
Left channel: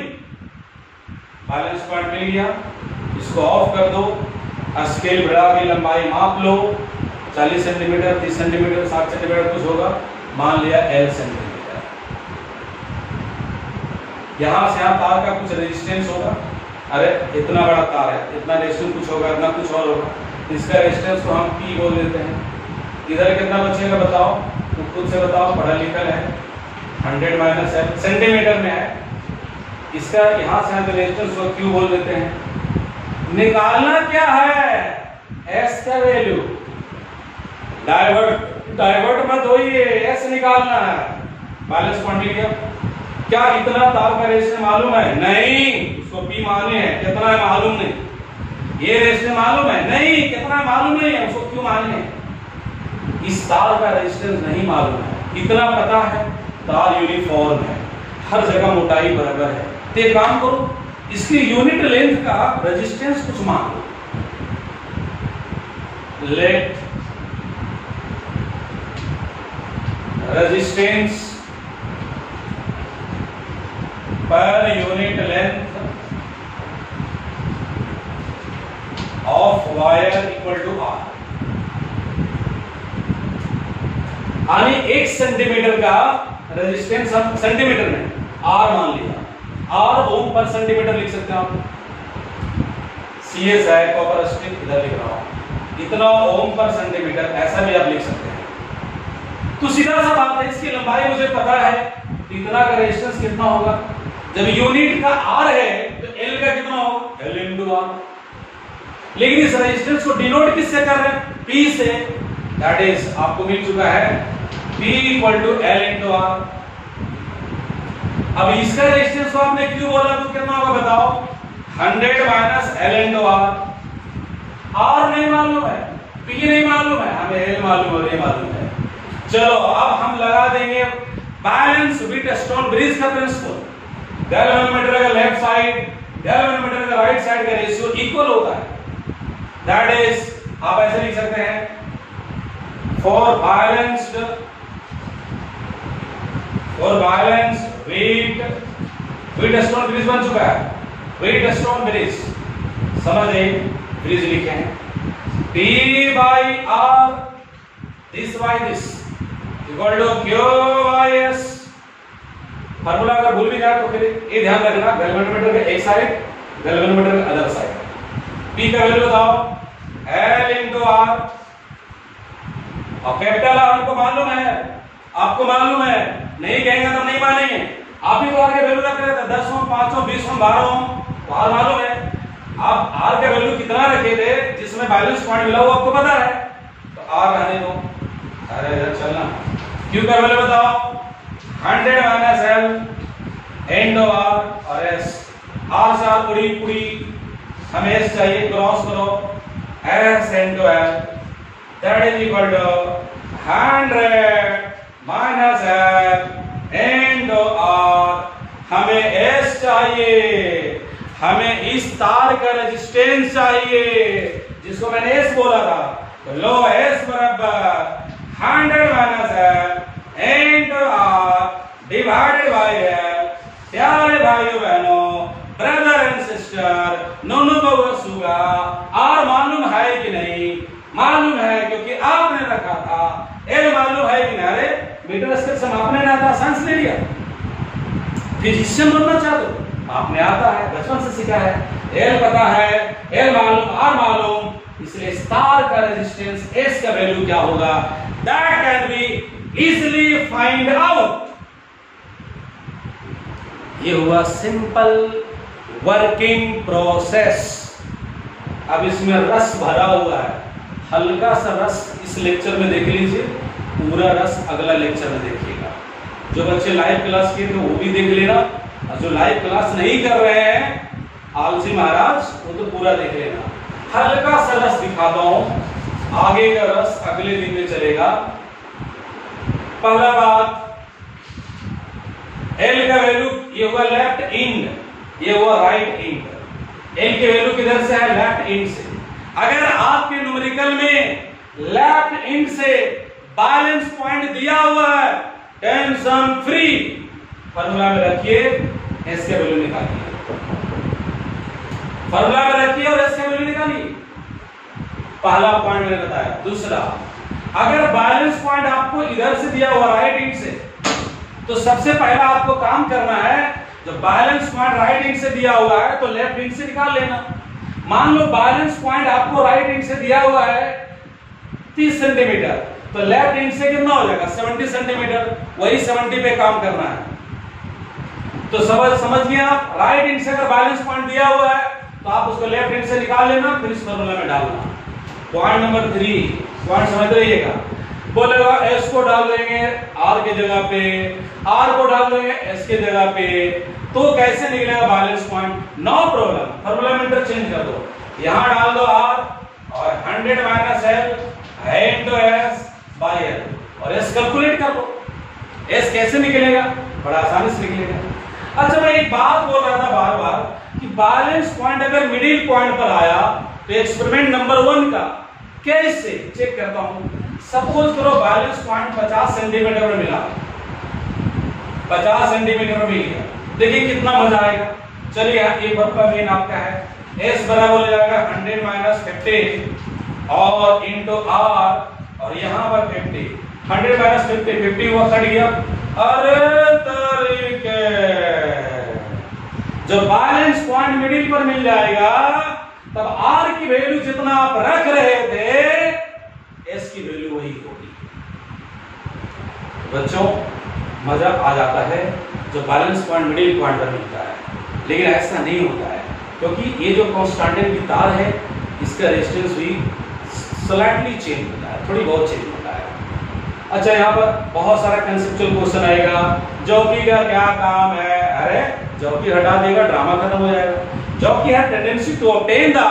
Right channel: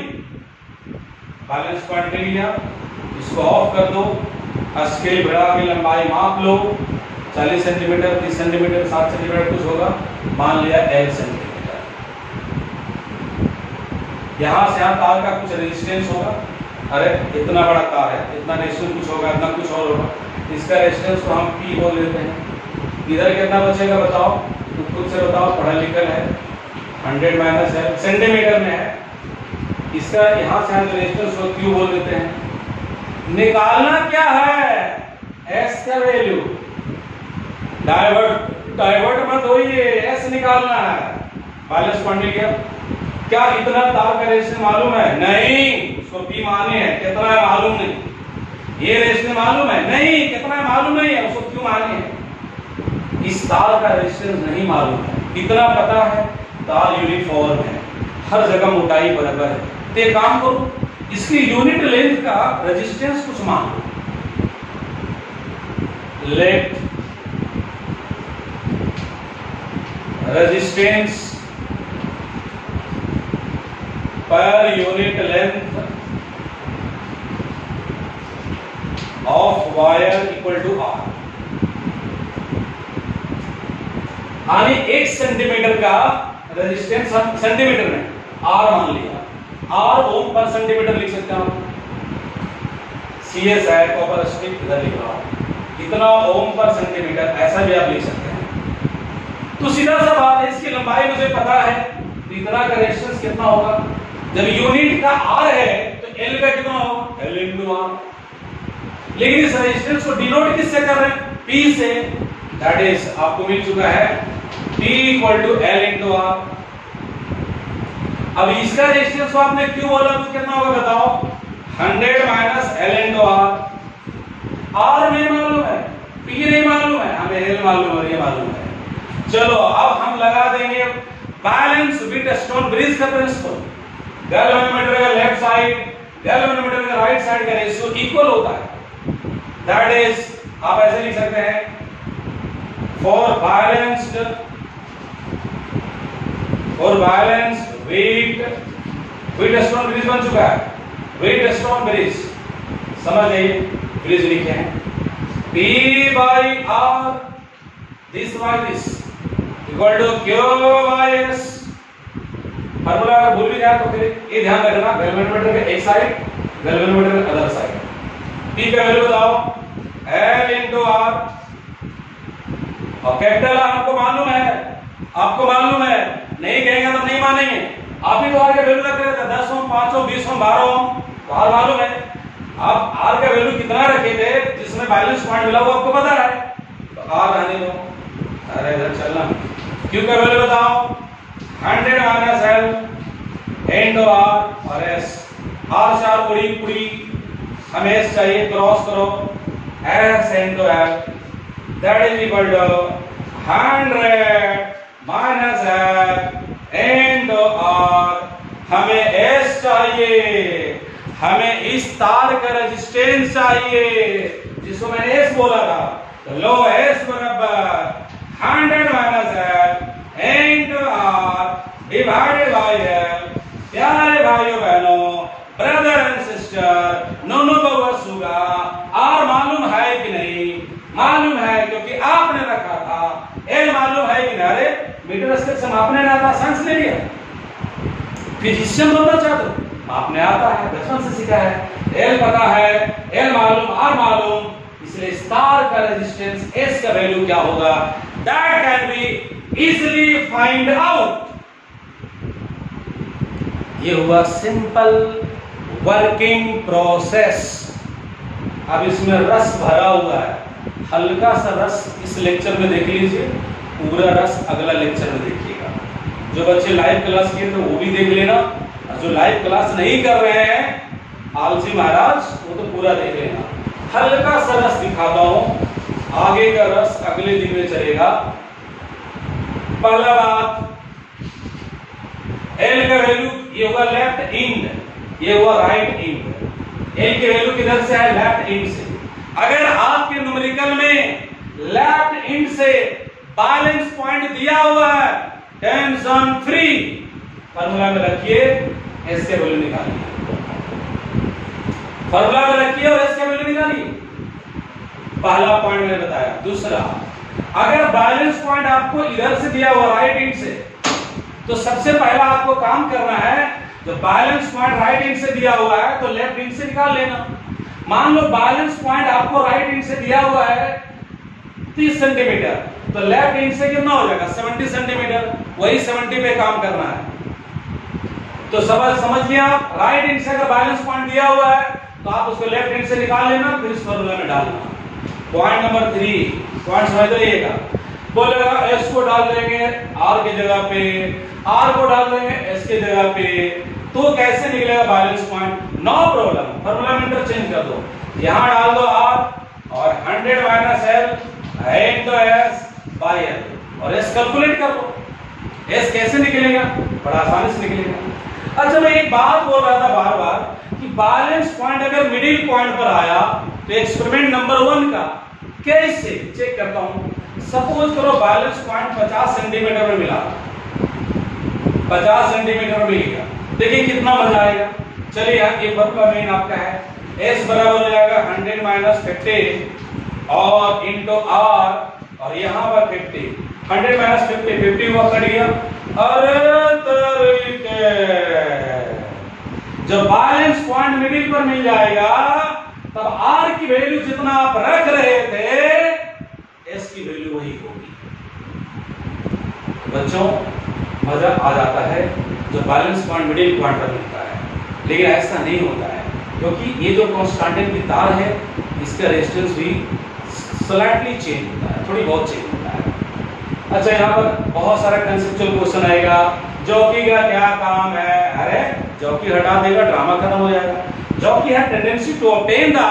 बैलेंस पॉइंट मिल गया, इसको ऑफ कर दो, स्केल बढ़ा के लंबाई माप लो, 40 सेंटीमीटर, 30 सेंटीमीटर, 60 सेंटीमीटर कुछ होगा, मान लिया L सेंटीमीटर। यहां से यहां तार का कुछ रेजिस्टेंस होगा, अरे इतना बड़ा तार है, इतना रेजिस्टेंस कुछ होगा, इतना कुछ और होगा, इसका रेजिस्टेंस को हम P बोल देते हैं। इधर कितना बचेगा बताओ, तो खुद से बताओ, पढ़ा लिखा है, 100 माइनस है, सेंटीमीटर में है, इसका यहां से हम रेजिस्टेंस को Q बोल देते हैं। निकालना क्या है, S का वैल्यू, डाइवर्ट मत होइए, S निकालना है। बैलेंस पॉइंट मिल गया। क्या इतना तार का रेजिस्टेंस मालूम है? नहीं, उसको P माने है, कितना है मालूम नहीं। ये रेजिस्टेंस मालूम है? नहीं, कितना है मालूम नहीं है, उसको Q माने है। इस तार का रेजिस्टेंस नहीं मालूम है, इतना पता है तार यूनिफॉर्म है, हर जगह मोटाई बराबर है। तो एक काम करो, इसकी यूनिट लेंथ का रेजिस्टेंस कुछ मान लो, let resistance per unit length of wire equal to R. यानी 1 सेंटीमीटर का रेजिस्टेंस हम सेंटीमीटर में आर मान लिया, आर ओम पर सेंटीमीटर लिख सकते हैं। CS है, कॉपर स्ट्रिप इधर लिख रहा हूं, इतना ओम पर सेंटीमीटर, ऐसा भी आप लिख सकते हैं। तो सीधा सा बात है, इसकी लंबाई मुझे पता है, तो इतना का रेजिस्टेंस कितना होगा। जब यूनिट का आर है तो L का कितना होगा, L इंटू आर। लेकिन इस रेजिस्टेंस को डिनोट किससे कर रहे हैं, P से, दैट इज आपको मिल चुका है P equal to L into R. अब इसका रेजिस्टेंस को आपने क्यों बोला तो कितना होगा बताओ, 100 minus L into R. R नहीं मालूम है, P नहीं मालूम है, हमें L मालूम और ये मालूम है। चलो अब हम लगा देंगे बैलेंस विद स्टोन ब्रिज का प्रिंसिपल। गैल्वेनोमीटर का लेफ्ट साइड, गैल्वेनोमीटर का राइट साइड का रेशियो इक्वल होता है, दैट इज आप ऐसे लिख सकते हैं, for balanced with stone bridge बन चुका है, विद स्टोन ब्रिज, समझ आइए, ब्रिज लिखे हैं, P by R, this by this equal to Q by S। Formula अगर भूल भी जाए तो फिर ये ध्यान रखना, गैल्वेनोमीटर का एक साइड, गैल्वेनोमीटर का अदर साइड। P का वैल्यू बताओ, L इंटू R, और कैपिटल R हमको मालूम है, आपको मालूम है, नहीं कहेंगे तो नहीं मानेंगे। आप ही तो R का वैल्यू रख रहे थे 10 ओम, 5 ओम, 20 ओम, 12 ओम, तो R मालूम है। आप R का वैल्यू कितना रखे थे जिसमें बैलेंस पॉइंट मिला वो आपको पता है, तो R रहने दो, अरे इधर चलना। Q का वैल्यू बताओ, 100 माइनस L इंटू R और S। R से R पूरी हमें S चाहिए, क्रॉस करो, S into L, that is equal to 100 minus L into R। हमें S चाहिए, हमें इस तार का रेजिस्टेंस चाहिए जिसको मैंने S बोला था, तो लो S बराबर 100 minus L into R divided by L। प्यारे भाइयों बहनों, brother and sister, no no बहुआ सुगा। आर मालूम है कि नहीं? मालूम है, क्योंकि आपने रखा था। एल मालूम है कि नहीं? अरे मीटर स्केल से मापने नहीं आता, साइंस ले लिया। फिजिशियन बनना चाहते हो, मापने आता है, बचपन से सीखा है। एल पता है, एल मालूम, आर मालूम, इसलिए स्टार का रेजिस्टेंस एस का वैल्यू क्या होगा? That can be easily find out. ये हुआ सिंपल वर्किंग प्रोसेस। अब इसमें रस भरा हुआ है, हल्का सा रस इस लेक्चर में देख लीजिए, पूरा रस अगला लेक्चर में देखिएगा। जो बच्चे लाइव क्लास किए थे वो भी देख लेना, और जो लाइव क्लास नहीं कर रहे हैं आलसी महाराज, वो तो पूरा देख लेना। हल्का सा रस दिखाता हूं, आगे का रस अगले दिन में चलेगा। पहला बात, एल का वैल्यू ये हुआ लेफ्ट इंड, ये हुआ राइट इंड। एल के वैल्यू किधर से है? लेफ्ट इंड से। अगर आपके न्यूमेरिकल में लेफ्ट इंड से बैलेंस पॉइंट दिया हुआ है, टेंशन फ्री फॉर्मूला में रखिए, एस के वैल्यू निकालिए। फॉर्मूला में रखिए और एस के वैल्यू निकालिए। पहला पॉइंट मैंने बताया। दूसरा, अगर बैलेंस पॉइंट आपको इधर से दिया हुआ राइट इंड से, तो सबसे पहला आपको काम करना है, जो बैलेंस पॉइंट राइट इंड से दिया हुआ है तो लेफ्ट इंड से निकाल लेना। मान लो बैलेंस पॉइंट आपको राइट इंड से दिया हुआ है 30 सेंटीमीटर, तो लेफ्ट इंड से कितना हो जाएगा? 70 सेंटीमीटर। वही 70 पे काम करना है। तो समझ लिया आप, राइट इंड से अगर बैलेंस पॉइंट दिया हुआ है तो आप उसको लेफ्ट इंड से निकाल लेना, फिर इस फॉर्मूला में डालना। पॉइंट नंबर 3, पॉइंट समझ लीजिएगा। बोलेगा एस को डाल देंगे आर के जगह पे, आर को डाल देंगे एस के जगह पे, तो कैसे निकलेगा balance point? No problem, formula में इंटरचेंज कर दो। यहां डाल दो आर और 100 minus L into S by L, और एस कैलकुलेट कर दो। एस कैसे निकलेगा? बड़ा आसानी से निकलेगा। अच्छा, मैं एक बात बोल रहा था बार बार कि बैलेंस पॉइंट अगर मिडिल पॉइंट पर आया तो एक्सपेरिमेंट नंबर 1 का कैसे चेक करता हूं। सपोज करो बैलेंस पॉइंट 50 सेंटीमीटर में मिला, 50 सेंटीमीटर मिल गया, देखिए कितना मजा आएगा। चलिए ये फॉर्मूला मेन आपका है, एस बराबर हो जाएगा 100 माइनस 50 और इंटू आर, और यहां पर 50, 100 माइनस 50 हुआ, कट गया। अरे तरीके, जब बैलेंस पॉइंट मिडिल पर मिल जाएगा तब आर की वैल्यू जितना आप रख रहे थे, एस की वैल्यू वही होगी। बच्चों, मजा आ जाता है जो बैलेंस पॉइंट मिडिल पॉइंट पर मिलता है, लेकिन ऐसा नहीं होता है, क्योंकि ये जो कांस्टेंट की तार है इसका रेजिस्टेंस भी स्लाइटली चेंज होता है, थोड़ी बहुत चेंज होता है। अच्छा, यहाँ पर बहुत सारा कंसेप्चुअल क्वेश्चन आएगा, जॉकी का क्या काम है? अरे जॉकी हटा देगा, ड्रामा खत्म हो जाएगा। जॉकी है tendency to obtain the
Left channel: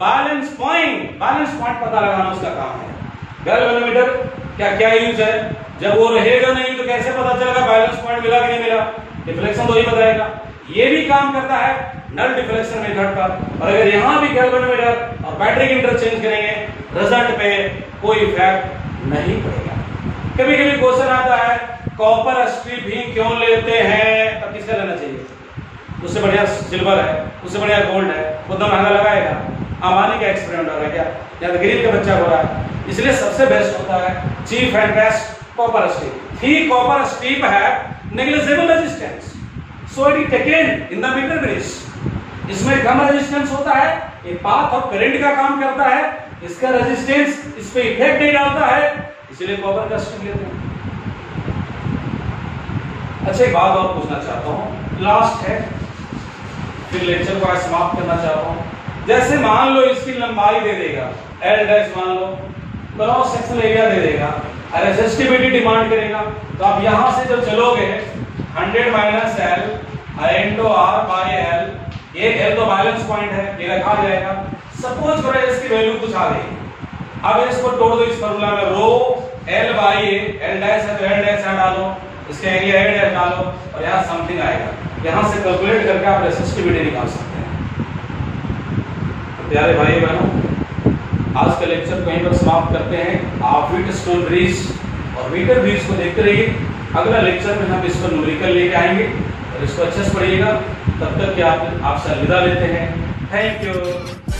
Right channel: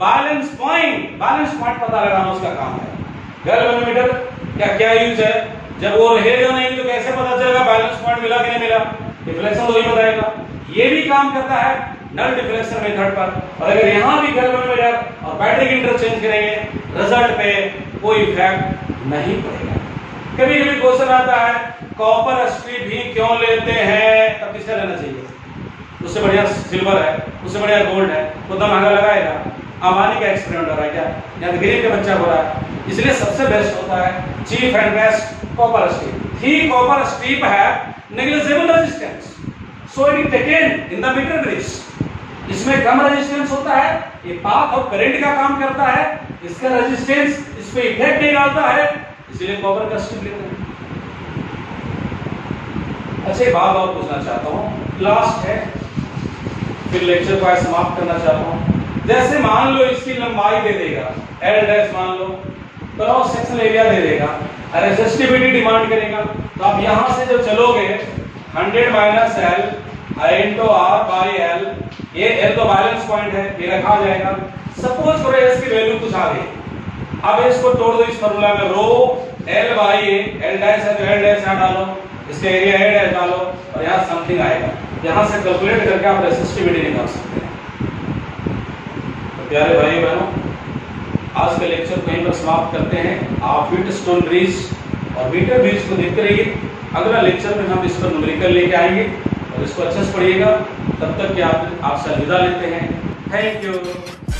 balance point, balance point पता लगाना उसका काम है। गैल्वेनोमीटर क्या यूज है? जब वो रहेगा नहीं तो कैसे पता चलेगा बैलेंस पॉइंट मिला कि नहीं मिला? डिफ्लेक्शन तो ही बताएगा। ये भी काम करता है नल डिफ्लेक्शन मेथड पर, और अगर यहां भी गैल्वेनोमीटर और बैटरी इंटरचेंज करेंगे, रिजल्ट पे कोई इफेक्ट नहीं पड़ेगा। कभी कभी क्वेश्चन आता है कॉपर स्ट्रिप ही क्यों लेते हैं, तब किसका लेना चाहिए? उससे बढ़िया सिल्वर है, उससे बढ़िया गोल्ड है, उतना महंगा लगाएगा? अंबानी का एक्सपेरिमेंट हो रहा है क्या? या तो गरीब का बच्चा हो रहा है? इसलिए सबसे बेस्ट होता है cheap and best copper strip. ही कॉपर स्ट्रिप है negligible resistance, so it is taken in the metre bridge. इसमें कम रेजिस्टेंस होता है, ये पाथ ऑफ करंट का काम करता है, इसका रेजिस्टेंस इस पे इफेक्ट नहीं डालता है, इसलिए कॉपर का स्ट्रिप लेते हैं। अच्छा, एक बात और पूछना चाहता हूं, लास्ट है, फिर लेक्चर को समाप्त करना चाहता हूं। जैसे मान लो इसकी लंबाई दे देगा एल डैश, मान लो क्रॉस सेक्शन एरिया दे देगा, रेजिस्टिविटी डिमांड करेगा, तो आप यहां से जो चलोगे 100 minus L into R by L, ये एल तो बैलेंस पॉइंट है, ये रखा जाएगा। सपोज करो इसकी वैल्यू कुछ आ गई, अब इसको तोड़ दो इस फॉर्मूला में, rho L by L dash है तो एल डैश यहां डालो, इसका एरिया एल डैश डालो, और यहां समथिंग आएगा, यहां से कैलकुलेट करके आप रेजिस्टिविटी निकाल सकते हैं। तो प्यारे भाई बहनों, आज का लेक्चर को यहीं पर समाप्त करते हैं। आप व्हीटस्टोन ब्रिज और मीटर ब्रिज को देखते रहिए। अगला लेक्चर में हम इसको न्यूमेरिकल लेके आएंगे और इसको अच्छे से पढ़िएगा। तब तक कि आपसे अलविदा लेते हैं। Thank you.